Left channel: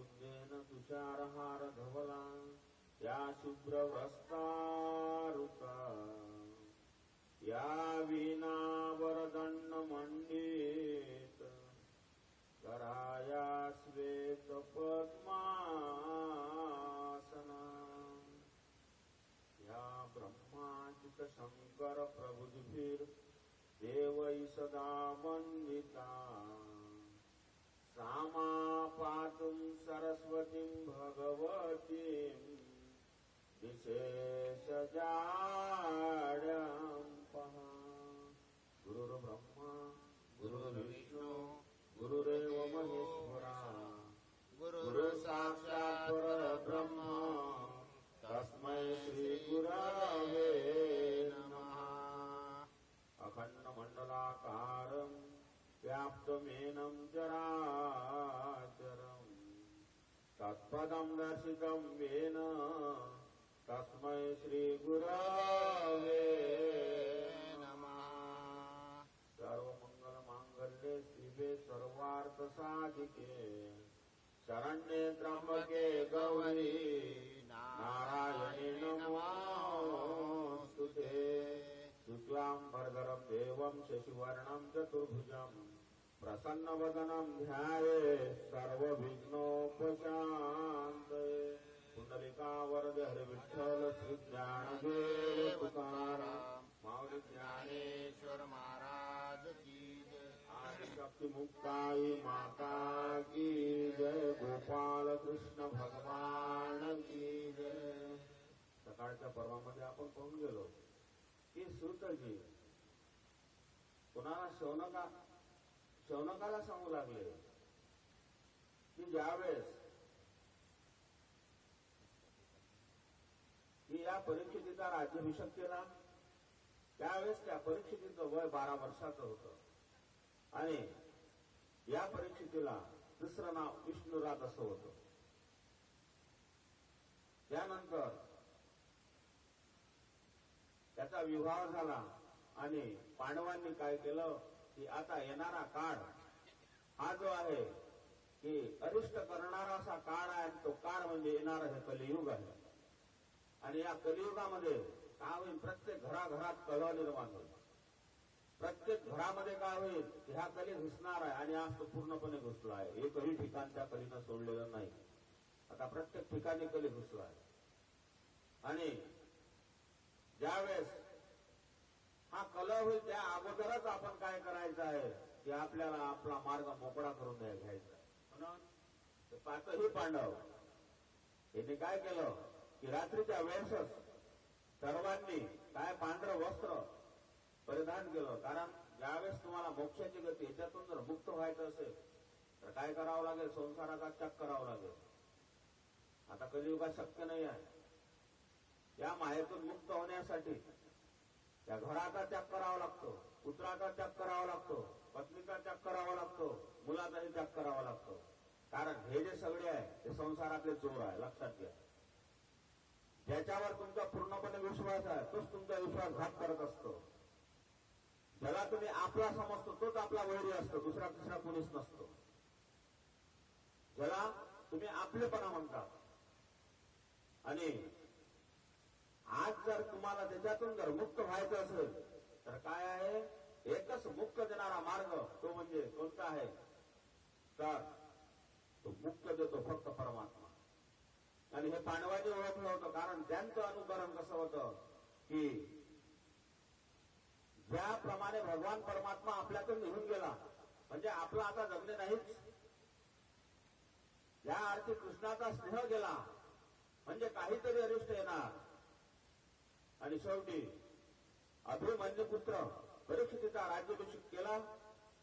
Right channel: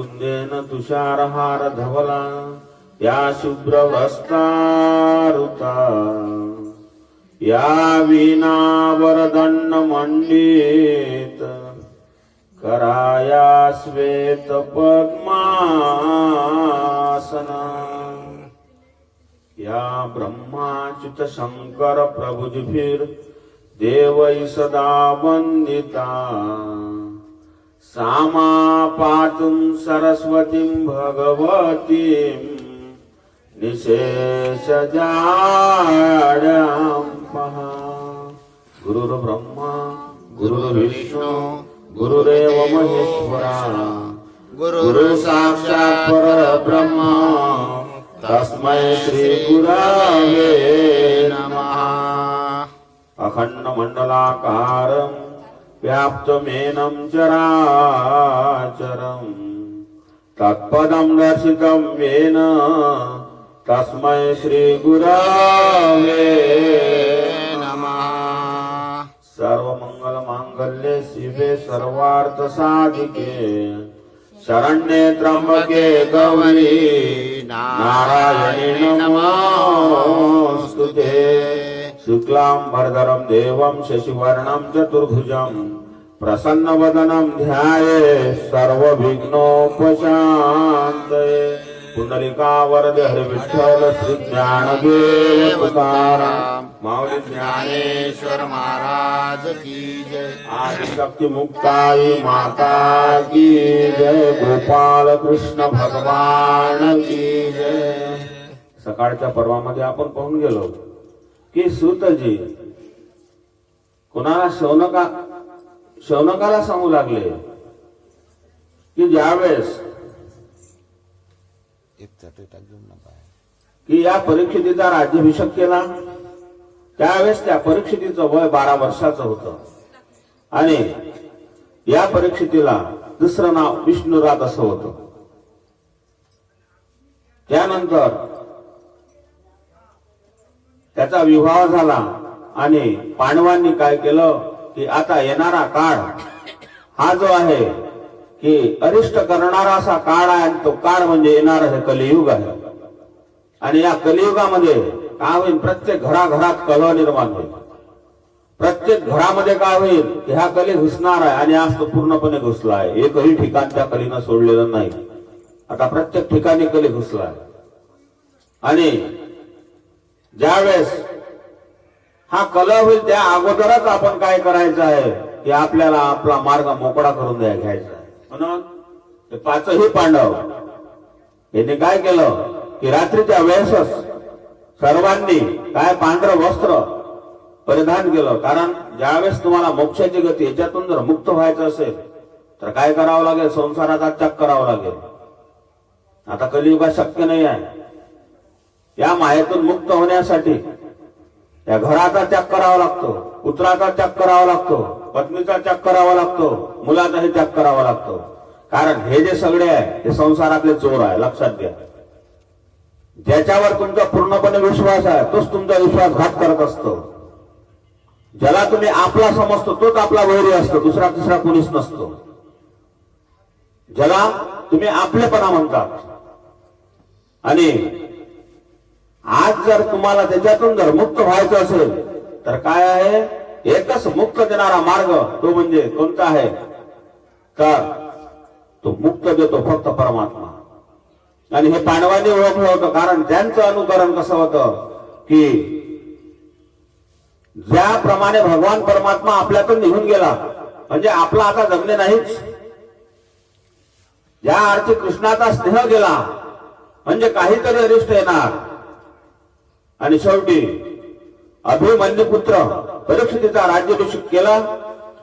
कुंदेन तुषारहार धवला या शुभ्र वस्त्रारुता या वीणा वरदंड मंडित कराया श्वेत पद्मासना या ब्रह्माच्युत शंकर प्रभुजभिर देवै सदा वंदिता सामा पातुं सरस्वतीं भगवतीं निशेषजाड्यां पहा। गुरुर्ब्रह्मा गुरुर्विष्णु गुरुरेव महेश्वरा गुरु साक्षात् परब्रह्म तस्मै श्री गुरवे नमः। अखंड मंडलाकारं व्याप्तमेनं चराचरं तत्पदं दर्शितं येन तस्मै श्री गुरवे नमः। सर्वमंगल मांगल्ये शिवे सर्वार्थ साधिके शरण्ये त्र्यंबके गौरी नारायणी नमोस्तुते। शुक्लां वरदरं देवं शशिवर्णं चतुर्भुजं प्रसन्नवदनं ध्यायेत् सर्वविघ्नोपशान्तये। पुंडलिकावरदे हरि विठ्ठल श्री ज्ञानदेव तुकाराम माऊली ज्ञानेश्वर महाराज की जय। आदिशक्ती मुक्ताई माता की जय। गोपाल कृष्ण भगवान की जय। सकाळच्या पर्वामध्ये आपण पाहून गेलो की सूतजी कोणाला शौनकाला सांगू लागले की ज्यावेळेस की या परीक्षितीचा राज्याभिषेक केला त्यावेळेस त्या परीक्षितीचं वय 12 वर्षाचं होतं आणि या परीक्षितीला दुसरं नाव विष्णुरात असं होतं। त्यानंतर त्याचा विवाह झाला आणि पांडवांनी काय केलं की आता येणारा काळ हा जो आहे की अरिष्ट करणारा असा काळ आहे आणि तो काळ म्हणजे येणार हे कलियुग आहे आणि या कलियुगामध्ये काय होईल प्रत्येक घराघरात कलह निर्माण होईल। प्रत्येक घरामध्ये काय होईल की हा कली घुसणार आहे आणि आज तो पूर्णपणे घुसला आहे। एकही ठिकाण त्या कलीनं सोडलेलं नाही। आता प्रत्येक ठिकाणी कली घुसला आहे आणि ज्यावेळेस हा कलह होईल त्या अगोदरच आपण काय करायचं आहे की आपल्याला आपला मार्ग मोकळा करून घ्यायचा आहे। म्हणून ते 5ही पांडव यांनी काय केलं की रात्रीच्या वेळेसच सर्वांनी काय पांढरं वस्त्र परिधान केलं। कारण ज्यावेळेस तुम्हाला मोक्षाची गती याच्यातून जर मुक्त व्हायचं असेल तर काय करावं लागेल संसाराचा त्याग करावा लागेल। आता कलियुगात शक्य नाही आहे। या मायेतून मुक्त होण्यासाठी या घराचा त्याग करावा लागतो, पुत्राचा त्याग करावा लागतो, पत्नीचा त्याग करावा लागतो, मुलाचाही त्याग करावा लागतो। कारण हे जे सगळे आहे हे संसारातले चोर आहे लक्षात घ्या। ज्याच्यावर तुमचा पूर्णपणे विश्वास आहे तोच तुमचा विश्वासघात करत असतो। ज्याला तुम्ही आपला समजतो तोच आपला वैरी असतो, दुसरा तिसरा कोणीच नसतो। ज्याला तुम्ही आपलेपणा म्हणतात आणि आज जर तुम्हाला त्याच्यातून जर मुक्त व्हायचं असेल तर काय आहे एकच मुक्त देणारा मार्ग तो म्हणजे कोणता आहे तर तो मुक्त देतो फक्त परमात्मा। आणि हे पांडवांनी ओळखलं होतं कारण त्यांचं अनुकरण कसं होतं की ज्याप्रमाणे भगवान परमात्मा आपल्यातून निघून गेला म्हणजे आपला आता जगणे नाहीच। ज्या अर्थी कृष्णाचा स्नेह गेला म्हणजे काहीतरी अरिष्ट येणार आणि शेवटी अभिमन्यू पुत्र परीक्षितीचा राज्याभिषेक केला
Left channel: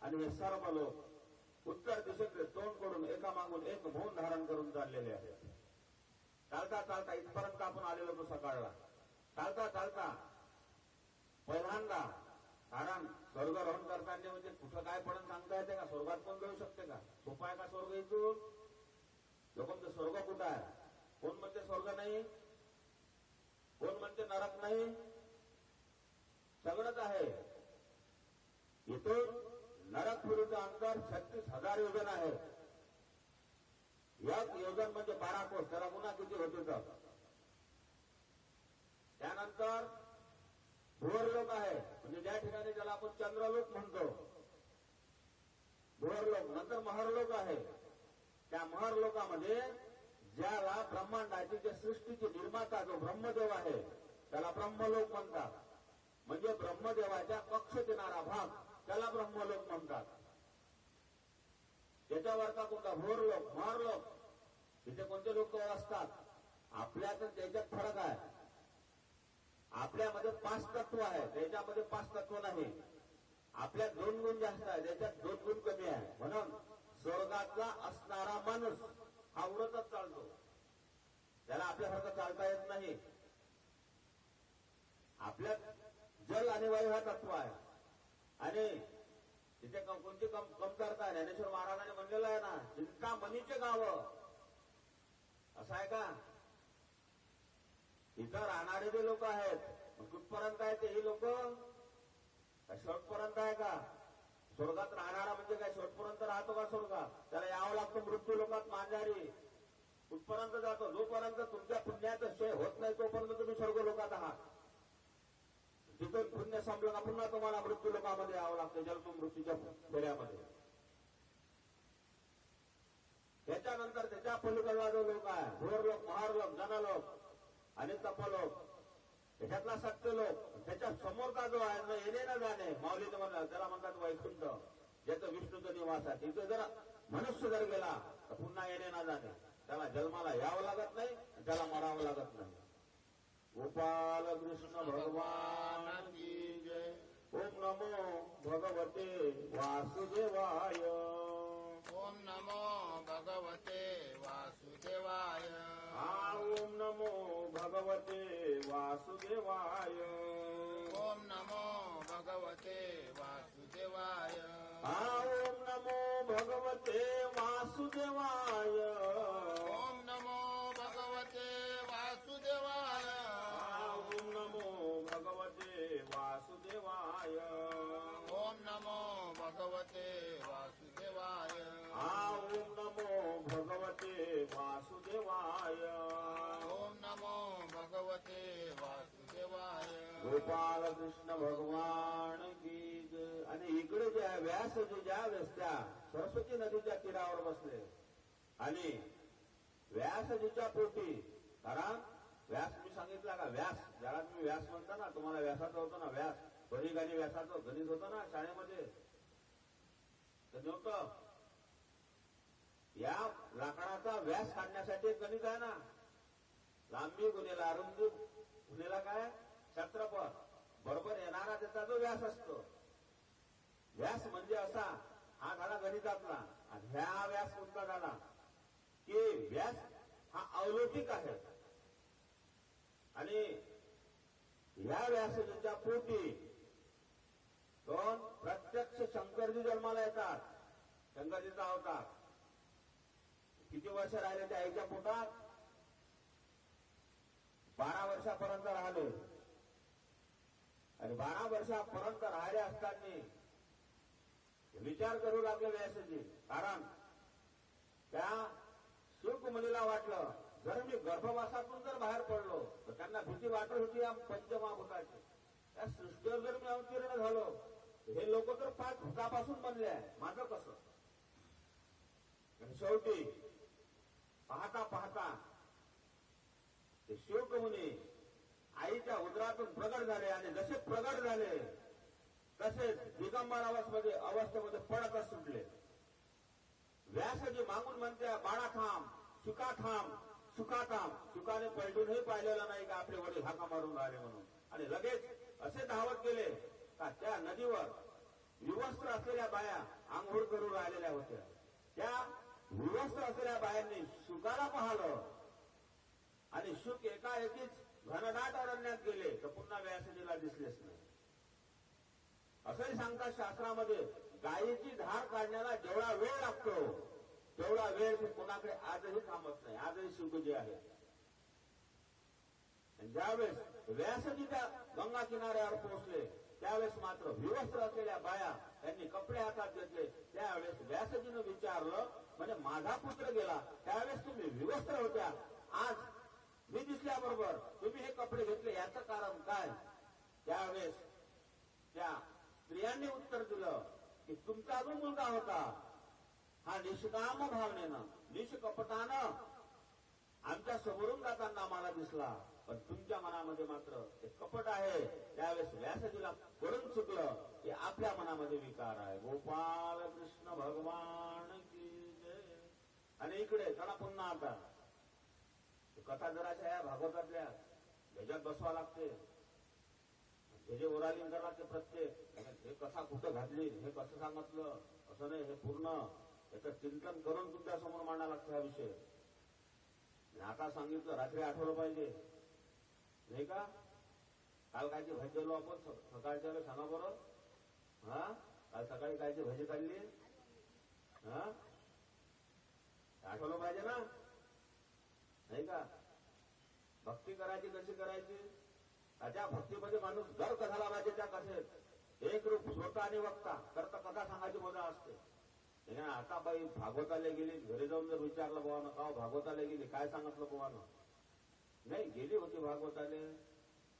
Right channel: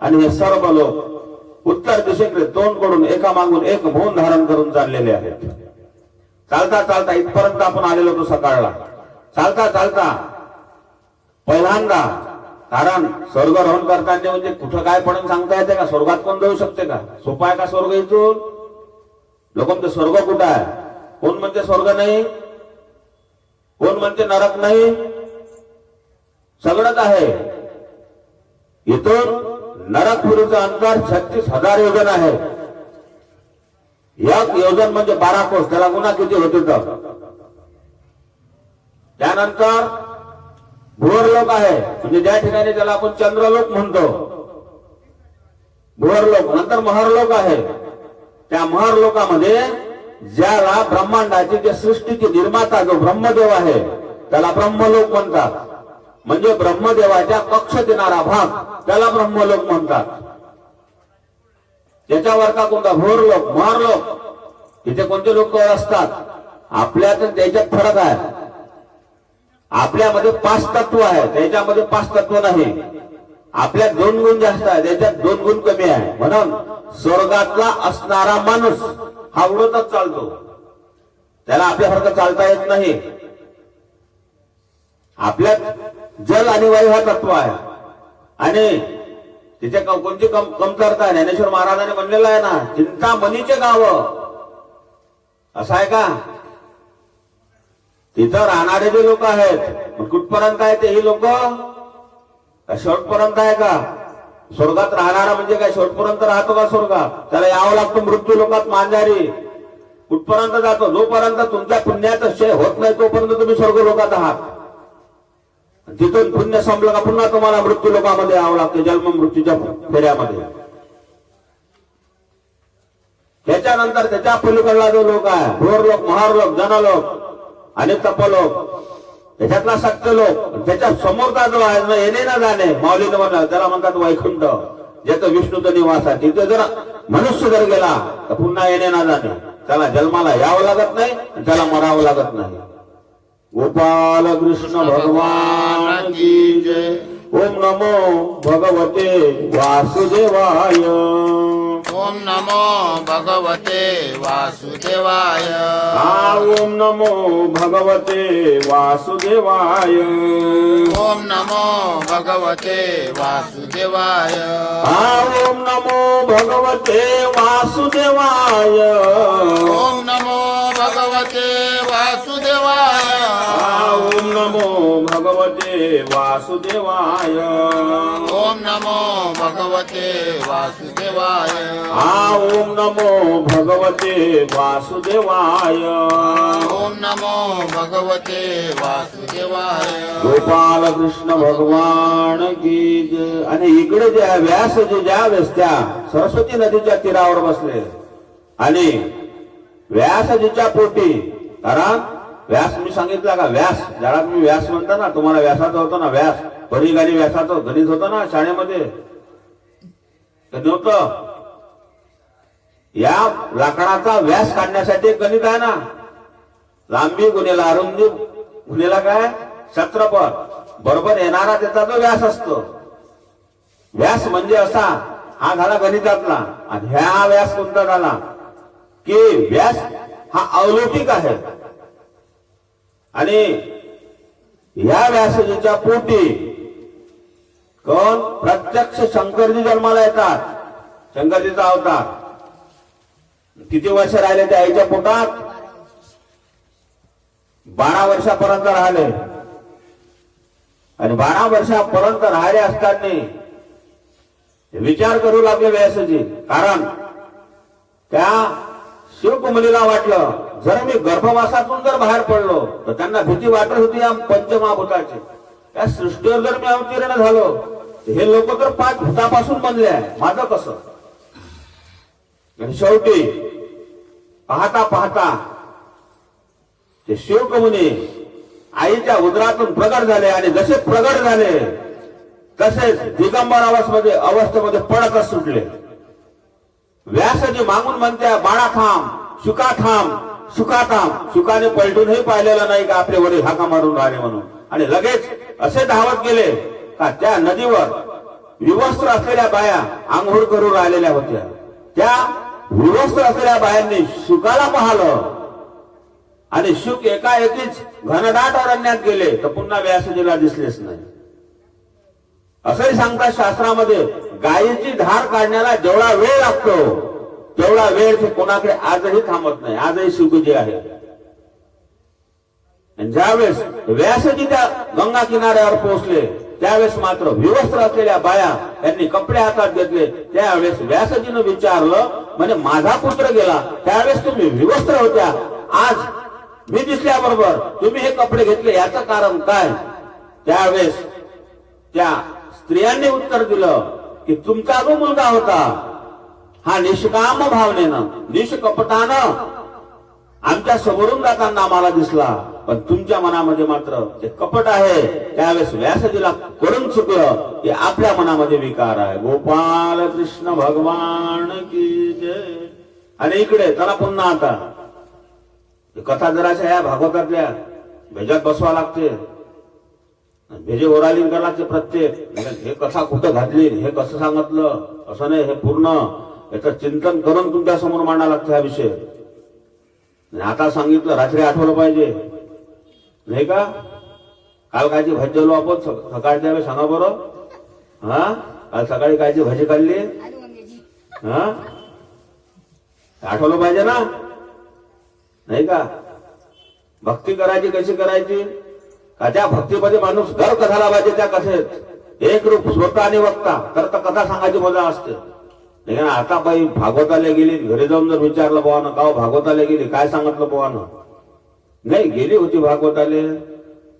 आणि हे सर्व लोक उत्तर दिशेकडे तोंडकडून एका मागून एक मौन धारण करून चाललेले आहेत। चालता चालता इथपर्यंत आपण आलेलो होतो सकाळला। चालता चालता पहिल्यांदा कारण स्वर्गारोहण करताना म्हणजे कुठं काय पडून सांगता येते का? स्वर्गात कोण जाऊ शकते का? सोपा आहे का स्वर्ग इथून? लोक म्हणते स्वर्ग कुठं आहे, कोण म्हणते स्वर्ग नाही, कोण म्हणते नरक नाही, सगळंच आहे। इथून नरकपुरीचं अंतर 36,000 योजन आहे। एक योजन म्हणजे 12 कोस, त्याला गुन्हा किती होते तर. त्यानंतर भुवरलोक आहे, म्हणजे ज्या ठिकाणी त्याला आपण चंद्रलोक म्हणतो, भुवरलोक. नंतर महरलोक आहे. त्या महरलोकामध्ये ज्याला ब्रह्मांडाची, जे सृष्टीची निर्माता जो ब्रह्मदेव आहे त्याला ब्रह्मलोक म्हणतात. म्हणजे ब्रह्मदेवाच्या कक्षेत येणारा भाग त्याला ब्रह्मलोक म्हणतात. त्याच्यावरचा कोणता भुवरलोक, महरलोक. तिथे कोणते लोक असतात? आपल्यात त्याच्यात फरक आहे. आपल्यामध्ये 5 तत्व आहे, त्याच्यामध्ये 5 तत्व नाही. आपल्यात 2 गुण जास्त आहे, त्याच्यात 2 गुण कमी आहे. म्हणून स्वर्गातला असणारा माणूस हा उडतच चालतो, त्याला आपल्यासारखं चालता येत नाही. आपल्यात जल आणि वायू हा तत्व आहे आणि तिथे कोणती कमतरता आहे. ज्ञानेश्वर महाराजांनी म्हणलेलं आहे ना, चिंतामणीचे गाव असं आहे का? तिथं राहणारे जे लोक आहेत कुठपर्यंत आहे ते? ही लोक शेवटपर्यंत आहे का? स्वर्गात राहणारा म्हणजे काय शेवटपर्यंत राहतो का स्वर्गात? त्याला यावं लागतं मृत्यू लोकात मांजारी. कुठपर्यंत जातो? जोपर्यंत तुमच्या पुण्याचं क्षय होत नाही तोपर्यंत तुम्ही स्वर्ग लोकात आहात. तिथून पुण्य संपलं का पुन्हा तुम्हाला मृत्यू लोकामध्ये यावं लागतं, जन्म मृत्यूच्या फेऱ्यामध्ये. त्याच्यानंतर त्याच्या पलीकडला जो लोक आहे, भुवरलोक, महारलोक, जनलोक आणि तपलोक, त्याच्यातला सत्यलोक. त्याच्या समोरचा जो आहे ना, येणे ना जाणे, माऊलीनं म्हणलं त्याला म्हणतात वैकुंठ, ज्याचं विष्णूचं निवास आहे. तिथे जर मनुष्य जर गेला तर पुन्हा येणे ना जाणे, त्याला जन्माला यावं लागत नाही आणि त्याला मरावं लागत नाही. गोपाल कृष्ण भगवान की जय. ओम नमो भगवते वासुदेवाय. ओम नमो भगवते वासुदेवाय. ओम नमो भगवते वासुदेवाय. ओम नमो भगवते वासुदेवाय. ओम नमो भगवते वासुदेवाय. ओम नमो भगवते वासुदेवाय. ओम नमो भगवते वासुदेवाय. ओम नमो भगवते वासुदेवाय. ओम नमो भगवते वासुदेवाय. ओम नमो भगवते वासुदेवाय. गोपाल कृष्ण भगवान की जय. आणि इकडे जे आहे व्यासजी ज्यावेळेस त्या सरस्वती नदीच्या तीरावर बसले आणि व्यासजीच्या पोटी, कारण व्यास मी सांगितलं का, व्यास ज्याला तुम्ही व्यास म्हणता ना, तुम्हाला व्यासाचं होतं ना, व्यास परिगाणी व्यासाचं गणित होतं ना शाळेमध्ये, नव्हतं. या लाकडाचा व्यास काढण्यासाठी एक गणित आहे ना, लांबी गुणेला अरुंदी गुणेला काय क्षेत्रफळ बरोबर येणारा त्याचा जो व्यास असतो. व्यास म्हणजे असा, हा झाला गणितातला. आणि ह्या व्यास कोणता झाला की व्यास हा अलौकिक आहे. आणि या व्यासजीच्या पोटी कोण? प्रत्यक्ष शंकरजी जन्माला येतात. शंकरजीचा अवतार. किती वर्ष राहिले त्या आईच्या पोटात? 12 वर्षापर्यंत राहिले. आणि 12 वर्षापर्यंत राहिले असताना विचार करू लागले व्यासजी. कारण त्या शिवकुमारीला वाटलं, जर मी गर्भवासातून जर बाहेर पडलो तर त्यांना भीती वाटत होती या पंचमहाभूताची. त्या सृष्टीवर जर मी अवतीर्ण झालो, हे लोक तर 5 भूतापासून बनले आहे, माझं कसं? आणि शेवटी पाहता पाहता ते शिवकुमारी आईच्या उदरातून प्रगट झाले. आणि जसे प्रगट झाले तसेच दिगंबर अवस्थेमध्ये पडतच सुटले. व्यासजी मागून म्हणत्या, बाळा थांब, शुका थांब, शुका थांब. शुकाने पलटूनही पाहिलेलं नाही का आपले वडील हाका मारून राहिले म्हणून. आणि लगेच असे धावत गेले का त्या नदीवर विवस्त्र असलेल्या बाया आंघोळ करून राहिलेल्या होत्या. त्या विवस्त्र असलेल्या बायांनी शुकाला पाहिलं आणि शुक एकाएकीच घनदाट अरण्यात गेले तर पुन्हा व्यासजीला दिसलेच नाही. असंही सांगतात शास्त्रामध्ये, गायीची धार काढण्याला जेवढा वेळ लागतो तेवढा वेळ ते कोणाकडे आजही थांबत नाही. आजही शुकजी आहे. ज्यावेळेस व्यासजी त्या गंगा किनाऱ्यावर पोहोचले त्यावेळेस मात्र विवस्त्र असलेल्या बाया यांनी कपडे हातात घेतले. त्यावेळेस व्यासजीनं विचारलं, म्हणजे माझा पुत्र गेला त्यावेळेस तुम्ही विवस्त्र होत्या, आज मी दिसल्याबरोबर तुम्ही हे कपडे घेतले, याचं कारण काय? त्यावेळेस त्या स्त्रियांनी उत्तर दिलं की तुमचा जो मुलगा होता हा निष्काम भावनेनं निष्कपटानं आमच्या समोरून जाताना आम्हाला दिसला, पण तुमच्या मनामध्ये मात्र ते कपट आहे. त्यावेळेस व्यासजीला करून चुकलं की आपल्या मनामध्ये विकार आहे. गोपाल कृष्ण भगवान की जय. आणि इकडे चला पुन्हा आता कथा जराशा या भागवतातल्या भेजात बसवा लागते, भेजे ओरालिंग करावं लागते प्रत्येक. हे कथा कुठं घातली, हे कसं सांगितलं, असं नाही, हे पूर्ण याचं चिंतन करून तुमच्या समोर मांडावं लागतं हा विषय. आता सांगितलं रात्री आठवलं पाहिजे नाही का? काल कायची भाजी जेवलो आपण सकाळच्या वेळेस सांगा बरं. हा काल सकाळी कायची भाजी खाल्ली, हा आठवलं पाहिजे ना, नाही का? भक्ती करायची कशी करायची का त्या भक्तीमध्ये माणूस गर्क झाला पाहिजे. त्या कथेत एक रूप स्वतः आणि वक्ता तर कथा सांगायची मजा असते. आता बाई भागवताला गेली, घरी जाऊन जर विचारलं बोवानं का भागवताला गेली, काय सांगितलं बोवानं? नाही गेली होती भागवताले,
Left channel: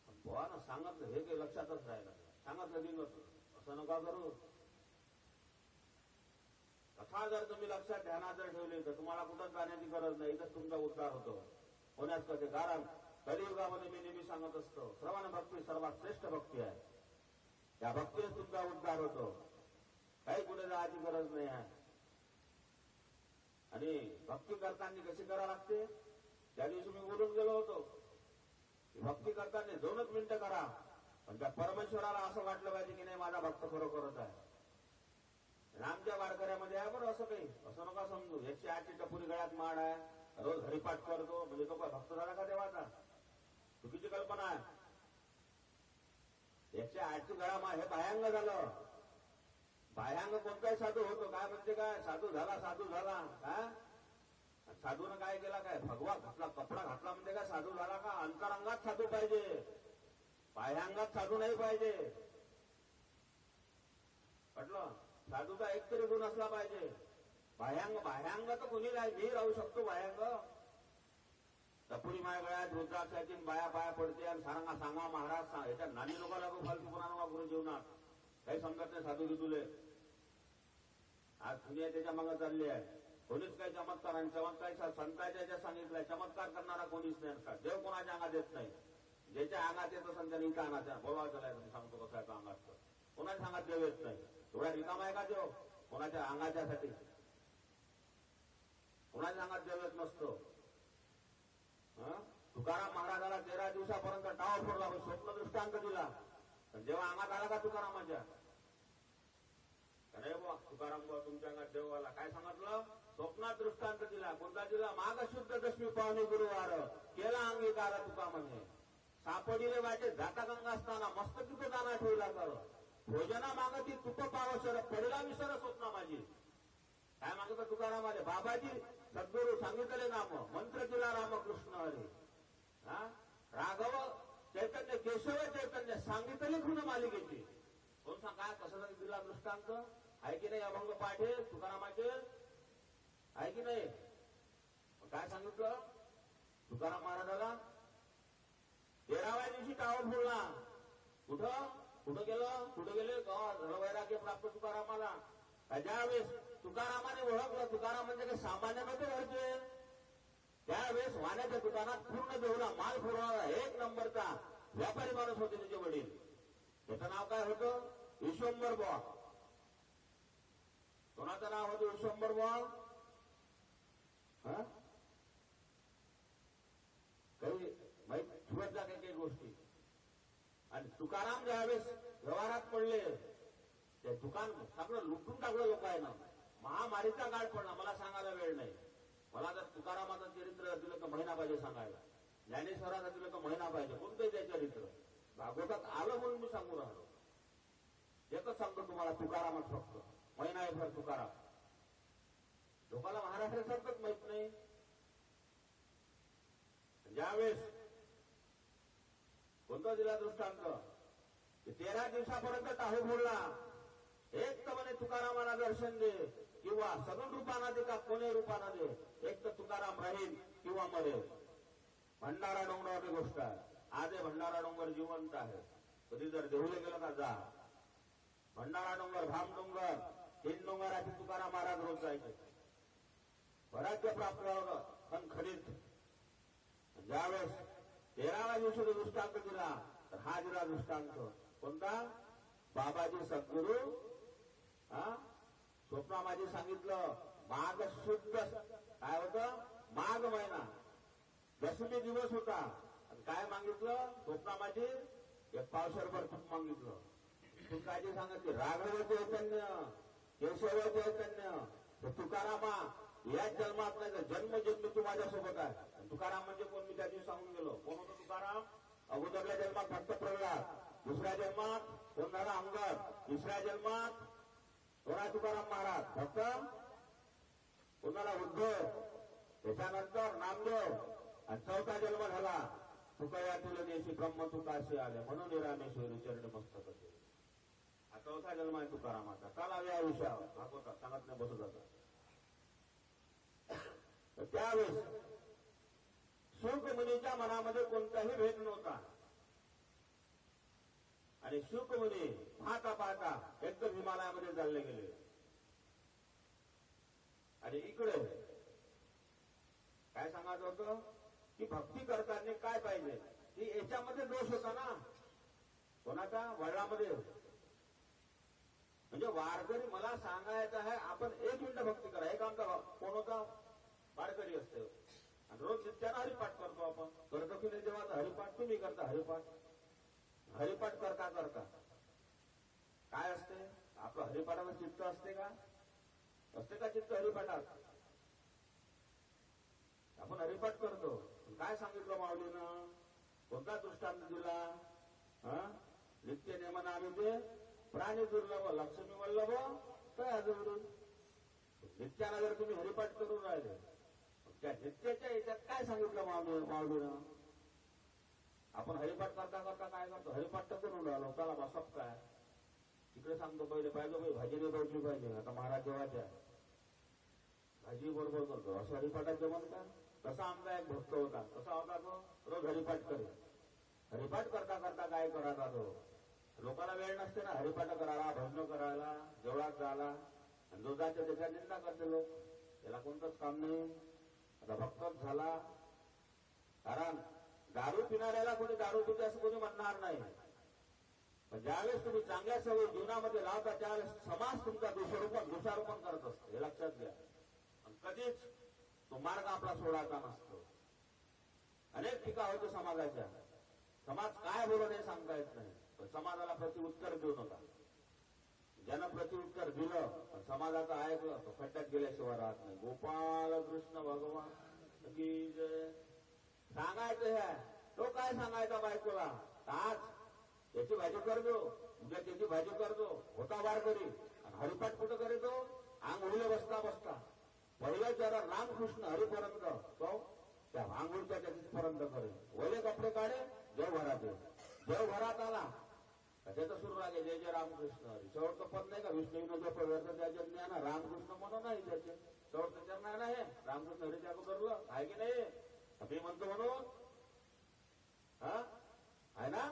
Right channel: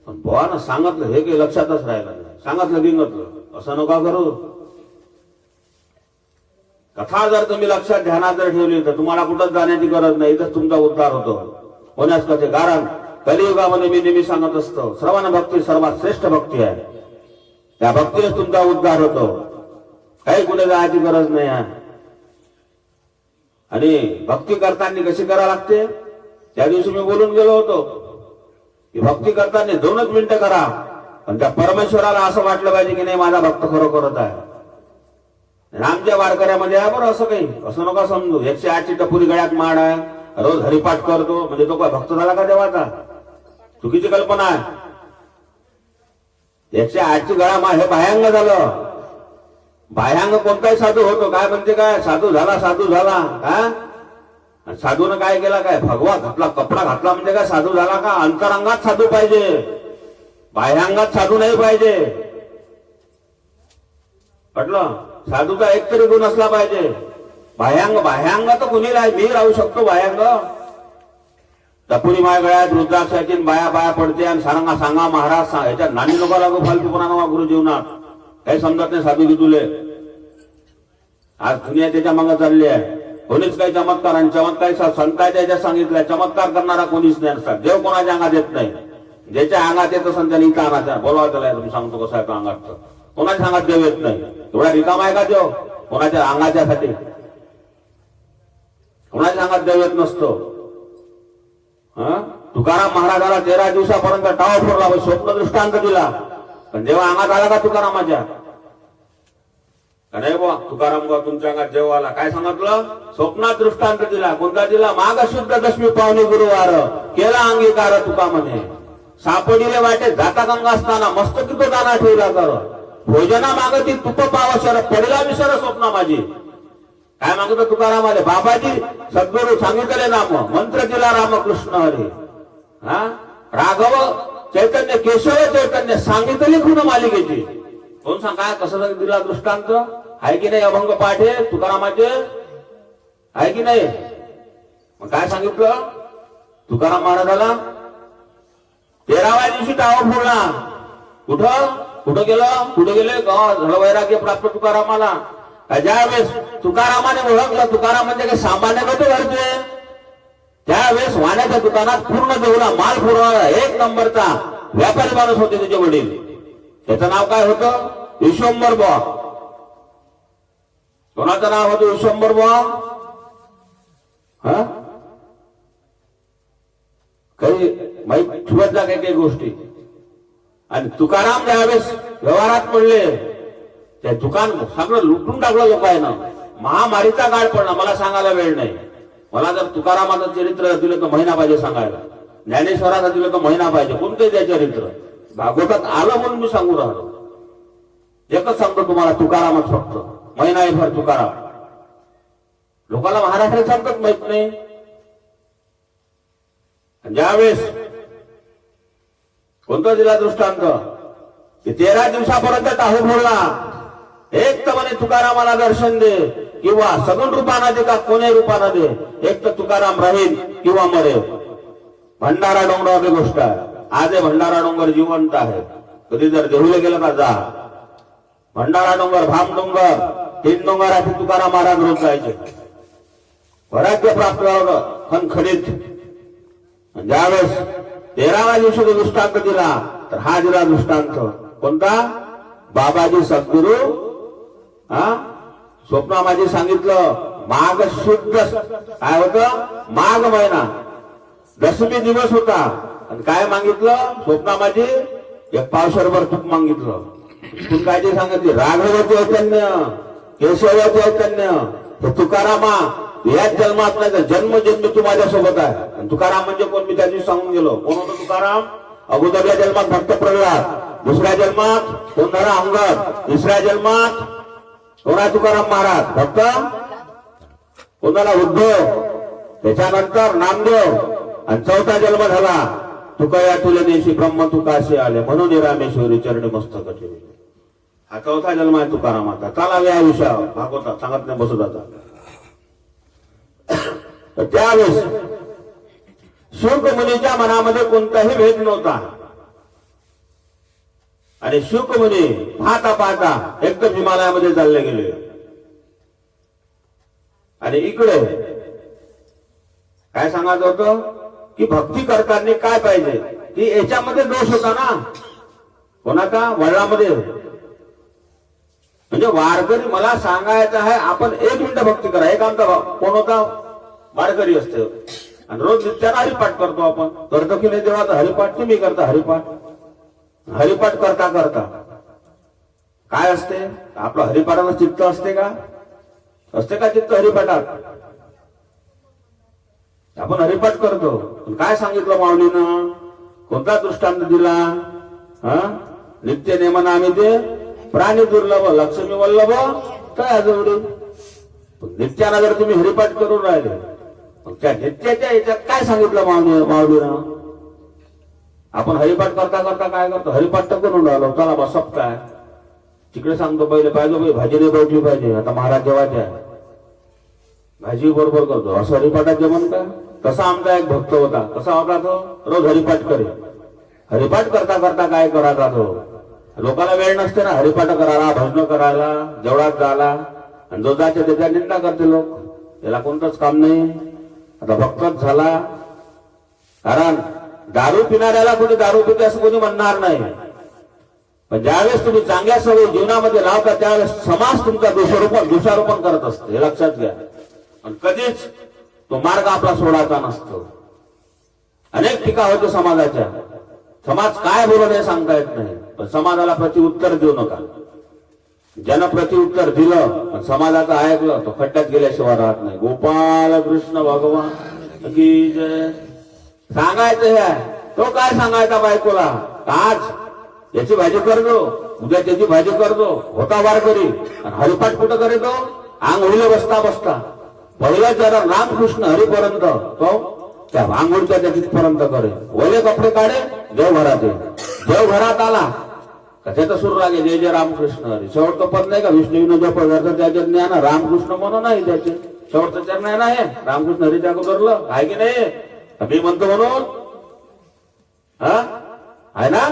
पण बोवानं सांगितलं हे काही लक्षातच राहिलं नाही, सांगितलं गिंगतलं. असं नका करू. कथा जर तुम्ही लक्षात ध्यानात जर ठेवली तर तुम्हाला कुठंच जाण्याची गरज नाही, इथंच तुमचा उद्धार होतो. होण्यास कसे कारण कलियुगामध्ये मी नेहमी सांगत असतो, श्रवण भक्ती सर्वात श्रेष्ठ भक्ती आहे. त्या भक्तीनेच तुमचा उद्धार होतो, काही कुठे जायची गरज नाही आहे. आणि भक्ती करताना कशी करा लागते, त्या दिवशी मी बोलून गेलो होतो की भक्ती करताना 2च मिनिटं करा, पण त्या परमेश्वराला असं वाटलं पाहिजे की नाही माझा भक्त खरोखरच आहे. आमच्या वारकऱ्यामध्ये आहे बरं असं काही, असं नका समजू 108ची टपुरी गळ्यात माड आहे, रोज हरिपाठ करतो म्हणजे तो काय भक्त झाला का देवाचा? चुकीची कल्पना आहे. 108ची गळा माळ हे बाह्यांग झालं. बाह्यांग कोणताही साधू होतो, काय म्हणते काय साधू झाला काय? साधूनं काय केला, काय भगवा घातला, कपडा घातला म्हणजे काय साधू झाला का? अंतरंगात साधू पाहिजे, बाह्यांगात साधू नाही पाहिजे. पटलं? साधूचा एक तरी गुण असला पाहिजे. बाह्यांग तर कुणी नाही, मी राहू शकतो बाह्यांग. टपुरी माय गळ्यात रुद्राक्षाची बाया पडते आणि सांगा महाराज ह्याच्या नानी नको लागू फालतूपणा नवा गुरु जीवनात. काही समजत नाही साधू तुले. आज दुनिया त्याच्या मागे चालली आहे. कोणीच काही चमत्कार आणि चमत्कार संतांच्या याच्यात सांगितलंय, चमत्कार करणारा कोणीच नाही असतात. देव कोणाच्या अंगात येत नाही, ज्याच्या अंगात येत असेल त्याने इथं आणायचा. बोलवा त्याला, तुम्ही सांगतो कसं आहे का अंगात, कोणाच्या अंगात देव येत नाही. एवढा रिकामा आहे का देव? कोणाच्या अंगाच्यासाठी, कोणाच्या अंगात देव येत नसतो. तुकाराम महाराजाला 13 दिवसापर्यंत टावा फोडला, स्वप्न दृष्टांत दिला, पण देव अंगात आला का तुकारामाच्या? नाही बुवा, तुकाराम बुवा तुमच्या अंगात देव आला, काय सांगितलं? स्वप्नात दृष्टांत दिला. कोणता दिला? माघ शुद्ध दशमी पावणी गुरुवार केला अंगीकार तुका म्हणे. सापडिले वाटे जाता गंगा असताना मस्तकी तो दाना ठेवला कर. भोजना मागती तुप पाव शर पडला विसर स्वप्न माझी. काय मागत तुकारामाले? बाबाजी सद्गुरु सांगितले नाम मंत्र दिला रामकृष्ण हरी. राघव चैतन्य केशव चैतन्य सांगितली खून मालिकेची. कोण सांगा कसं दिला दृष्टांत? आहे की नाही? अभंग पाठ आहे तुकारामाचे, आहे की नाही? मग काय सांगितलं तुकाराम महाराजाला? 13व्या दिवशी टावा फोडला. कुठं गेले झालं वैराग्य प्राप्त तुकारामाला. ज्यावेळेस तुकारामाने ओळखलं तुकाराम म्हणजे काही सामान्य नव्हते घरचे, त्यावेळेस वाण्याच्या दुकानात पूर्ण देऊला माल पुरवणारा 1 नंबरचा व्यापारी माणूस होते त्याचे वडील. त्याचं नाव काय होतं? विश्वंभर बुवा. कोणाचं नाव होतं? विश्वंभर बुवा. काही माहित ठेवत जा काही गोष्टी. आणि तुकाराम ज्यावेळेस व्यवहारात पडले, त्या दुकान सगळं लुटून टाकलं लोकांना. महामारीचा काळ पडला. मला सांगायला वेळ नाही. मला जर तुकारामाचं चरित्र दिलं तर महिना पाहिजे सांगायला, ज्ञानेश्वराचं दिलं तर महिना पाहिजे. कोणते त्या चरित्र भागवतात आलं म्हणून मी सांगू राहिलो. एकच सांगतो तुम्हाला, तुकारामच फक्त महिनाभर तुकाराम. लोकांना महाराष्ट्रात सांगतात माहित नाही. ज्यावेळेस कोणता दिला दृष्टांत? की 13 दिवसापर्यंत टाहू बोलला एक तर म्हणे तुकारामाला दर्शन दे किंवा सगुण रूपानं दे का कोणी रूपानं दे, एक तर तुकाराम राहील किंवा मरेल. भंडारा डोंगरावरची गोष्ट आहे. आज हे भंडारा डोंगर जिवंत आहे. कधी जर देहुले गेलं का जा. भंडारा डोंगर, भाम डोंगर, 3 डोंगराची तुकाराम महाराज रोज जायचे. वैराग्य प्राप्त झालं खणखणीत. ज्यावेळेस 13व्या दिवशी जो दृष्टांत दिला तर हा दिला दृष्टांत कोणता? बाबाजी सद्गुरु स्वप्नामाजी सांगितलं माघ शुद्ध काय होतं? माघ महिना 10मी दिवस होता आणि काय मागितलं स्वप्नामाजी? 1 पावशरभर तूप मागितलं. तू काय ते सांगितले? राघव चैतन्य, केशव चैतन्य, हे तुकारामा याच जन्मात नाही तर जन्मजन्मी तू माझ्यासोबत आहे. आणि तुकाराम म्हणजे कोण? मी त्या दिवशी सांगून गेलो. कोण होतं तुकाराम? अगोदरच्या जन्मात भक्त प्रल्हाद, दुसऱ्या जन्मात कोण झाला? अंगद, तिसऱ्या जन्मात कोणा? तुकाराम महाराज. भक्त कोणाला? उद्धव, त्याच्यानंतर नामदेव आणि 4था जन्म झाला तुकया तुले देशी ब्रह्म तुकाशी आले म्हणून रामेश्वरी चरणी मस्तक ठेवले. हा 4था जन्म आहे तुकारामाचा. चला या विषयावर भागवतात सांगत नाही बसत आता. त्यावेळेस शुक मुनीच्या मनामध्ये कोणताही भेद नव्हता आणि शुक मुनी पाहता पाहता एकदम हिमालयामध्ये चालले गेले. आणि इकडे काय सांगायचं होतं की भक्ती करताना काय पाहिजे की याच्यामध्ये दोष होता ना कोणाचा? वडिलांमध्ये. म्हणजे वारकरी मला सांगायचं आहे आपण 1 मिनिट भक्ती करा. एक आमचा कोण होता? वारकरी असते आणि रोज नित्याला हरिपाठ करतो आपण. करतो की नाही देवाचा हरिपाठ? तुम्ही करता हरिपाठ. हरिपाठ करता करता काय असते? आपलं हरिपाठाला चित्त असते का? असते का चित्त हरिपाठात? आपण हरिपाठ करतो. काय सांगितलं माऊलीनं? कोणता दृष्टांत दिला? नित्य नेमन आम्ही ते प्राणी दुर्लभ लक्ष्मी वल्लभ काय जोडी. नित्याला जर तुम्ही हरिपाठ करून राहिले त्या नित्याच्या याच्यात काय सांगितलं माऊलीनं? आपण हरिपाठ करता करता काय करतो? हरिपाठ तर करून राहिलो. चला बस काय तिकडे सांगतो पहिले पाहिजे भाजी नाही भेटली पाहिजे. आता महाराज जेवायचे आहे भाजी बरोबर करतो. असं हरिपाठात जेवण का? तसा आमचा एक भक्त होता. कसा होता तो? रोज हरिपाठ करे. हरिपाठ करता करता काय करायचा तो? लोकांना वेळ नसते ना हरिपाठ करायला, भजन करायला, जेवढाच जायला. आणि जो जायचे त्याच्या निंदा करते लोक. त्याला कोणतंच काम नाही. आता भक्तच झाला. कारण दारू पिणाऱ्याला कोणी दारू पिते असं कोणी म्हणणार नाही. पण ज्यावेळेस तुम्ही चांगल्या सवयी जीवनामध्ये लावता त्यावेळेस समाज तुमचा दोषारोपण करत असते. हे लक्षात घ्या. आणि कधीच तो मार्ग आपला सोडायचा नसतो. अनेक टीका होते समाजाच्या. समाज काय बोलत हे सांगता येत नाही. पण समाजाला प्रत्युत्तर देऊ नका. ज्यानं प्रत्युत्तर दिलं पण समाजाचं ऐकलं तो खड्ड्यात गेल्याशिवाय राहत नाही. गोपाल कृष्ण भगवान की जय. सांगायचं हे तो काय सांगायचा बायकोला? आज याची भाजी करतो, उद्या त्याची भाजी करतो. होता वारकरी आणि हरिपाठ कुठं करीतो? आंघोळीला बसता बसता पहिला जरा रामकृष्ण हरिपर्यंत तो त्या आंघोळीच्या त्या तिथपर्यंत करे. ओले कपडे काढे, देवघरात ये. देवघरात आला का त्याचा सुरू लागे जय जय रामकृष्ण हरी. शेवटचं पद नाही का विष्णू जप त्याच्या ज्ञान रामकृष्ण म्हणून नाही. त्याचे शेवटचं चरण आहे ना हे रामकृष्ण हरीच्या अगोदरलं आहे की नाही? मी म्हणतो म्हणून आहे ना.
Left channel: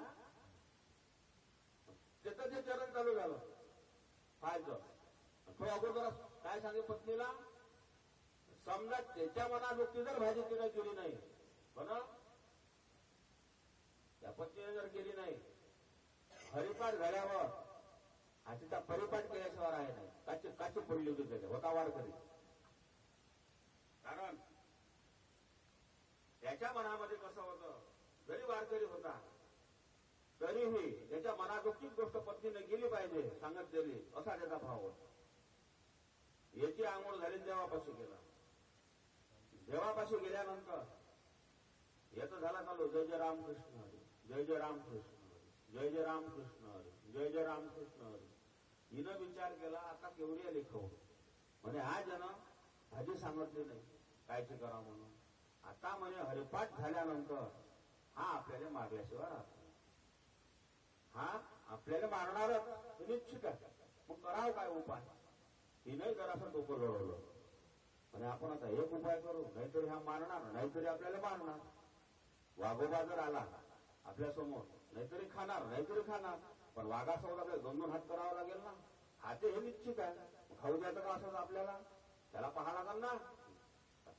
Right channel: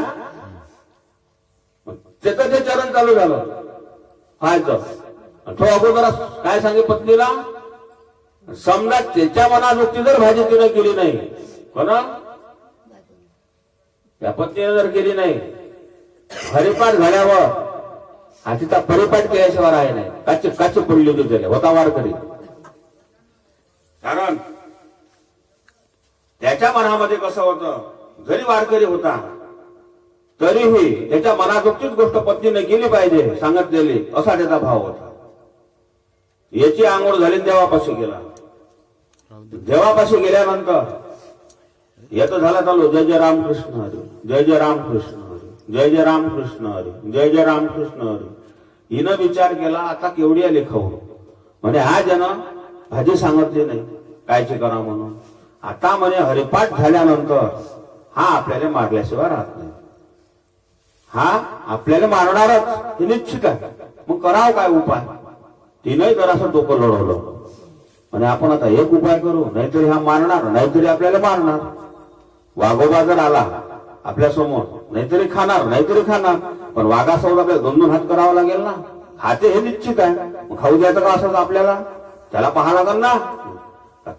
त्याचं ते चरण चालू झालं व्हायचं. तो अगोदर काय सांगे पत्नीला? समजा त्याच्या मनानुक्ती जर भाजी तिने केली नाही कोणा त्या पत्नीने जर केली नाही हरिपाठ झाल्यावर हा तिचा परिपाठ केल्याशिवाय आहे नाही. काची काची पडली होती त्याला. होता वारकरी. कारण त्याच्या मनामध्ये कसं होतं? जरी वारकरी होता तरीही त्याच्या मनाजोगतीच गोष्ट पत्नीने केली पाहिजे सांगितलेली असा त्याचा भाव होता. याची आंघोळ झाली देवापाशी गेला. देवापाशी गेल्यानंतर येतो झाला चालू जय जय रामकृष्ण हरी, जय जय रामकृष्ण हरी, जय जय रामकृष्ण हरी, जय जय रामकृष्ण हरी. हिनं विचार केला आता केवढी आली खाऊ म्हणे हा जन भाजी सांगितली नाही कायची करा म्हणून. आता म्हणे हरिपाठ झाल्यानंतर हा आपल्याला मारल्याशिवाय राहत नाही. हा आपल्याला मारणारच हे निश्चित आहे. मग करावं काय उपाय? तिनंही जरासं डोकं लढवलं आणि आपण आता एक उपाय करू, नाहीतरी हा मारणार, नाहीतरी आपल्याला मारणार. वाघोबा जर आला आपल्या समोर, नाहीतरी खाणार, पण वाघासोबत आपल्याला 2-2 हात करावा लागेल ना. खाते हे निश्चित आहे, मग खाऊ द्यायचं का असंच आपल्याला? त्याला पाहा लागल ना.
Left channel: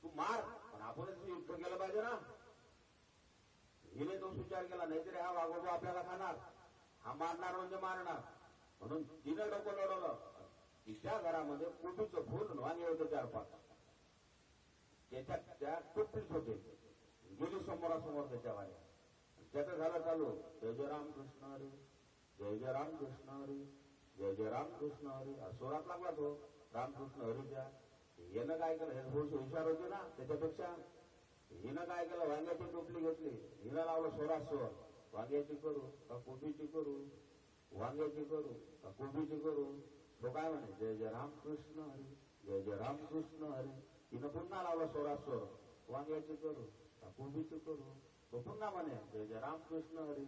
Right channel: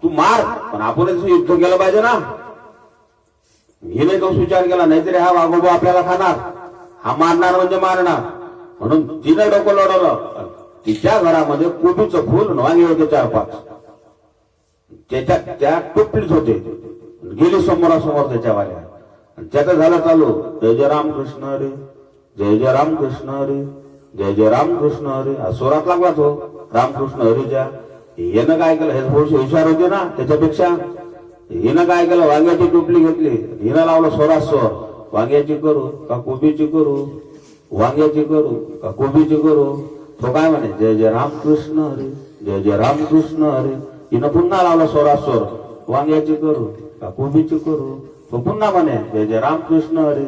तू मार, पण आपणच युद्ध केलं पाहिजे ना. हिने तोच विचार केला, नाहीतरी हा वाघोबा आपल्याला खाणार, हा मारणार म्हणजे मारणार. म्हणून तिने डोकं लढवलं. तिच्या घरामध्ये कोबीचं फुल वांगे होते 4-5, त्या टोपलीत होते. गेली समोरासमोर त्याच्यावाल्या. त्याचं झालं चालू, जय जय राम कृष्ण हरी, जय जय राम कृष्ण हरी, जय जय राम कृष्ण हरी. स्वरात लागला तो रामकृष्ण हरीच्या. हिनं काय केलं, हे थोडेसे हुशार होते ना त्याच्यापेक्षा. हिनं काय केलं, वांग्याची टोपली घेतली, हिनं लावलं स्वरात स्वर. वांग्याची करू का कोबीची करू, वांग्याची करू का कोबीची करू. तो काय म्हणे, जय जय राम कृष्ण हरी, जय जय राम कृष्ण हरी. हिनं पुन्हा लावलं स्वरात स्वर, वांग्याची करू का कोबीची करू. तो पुन्हा म्हणे, जय जय राम कृष्ण हरी.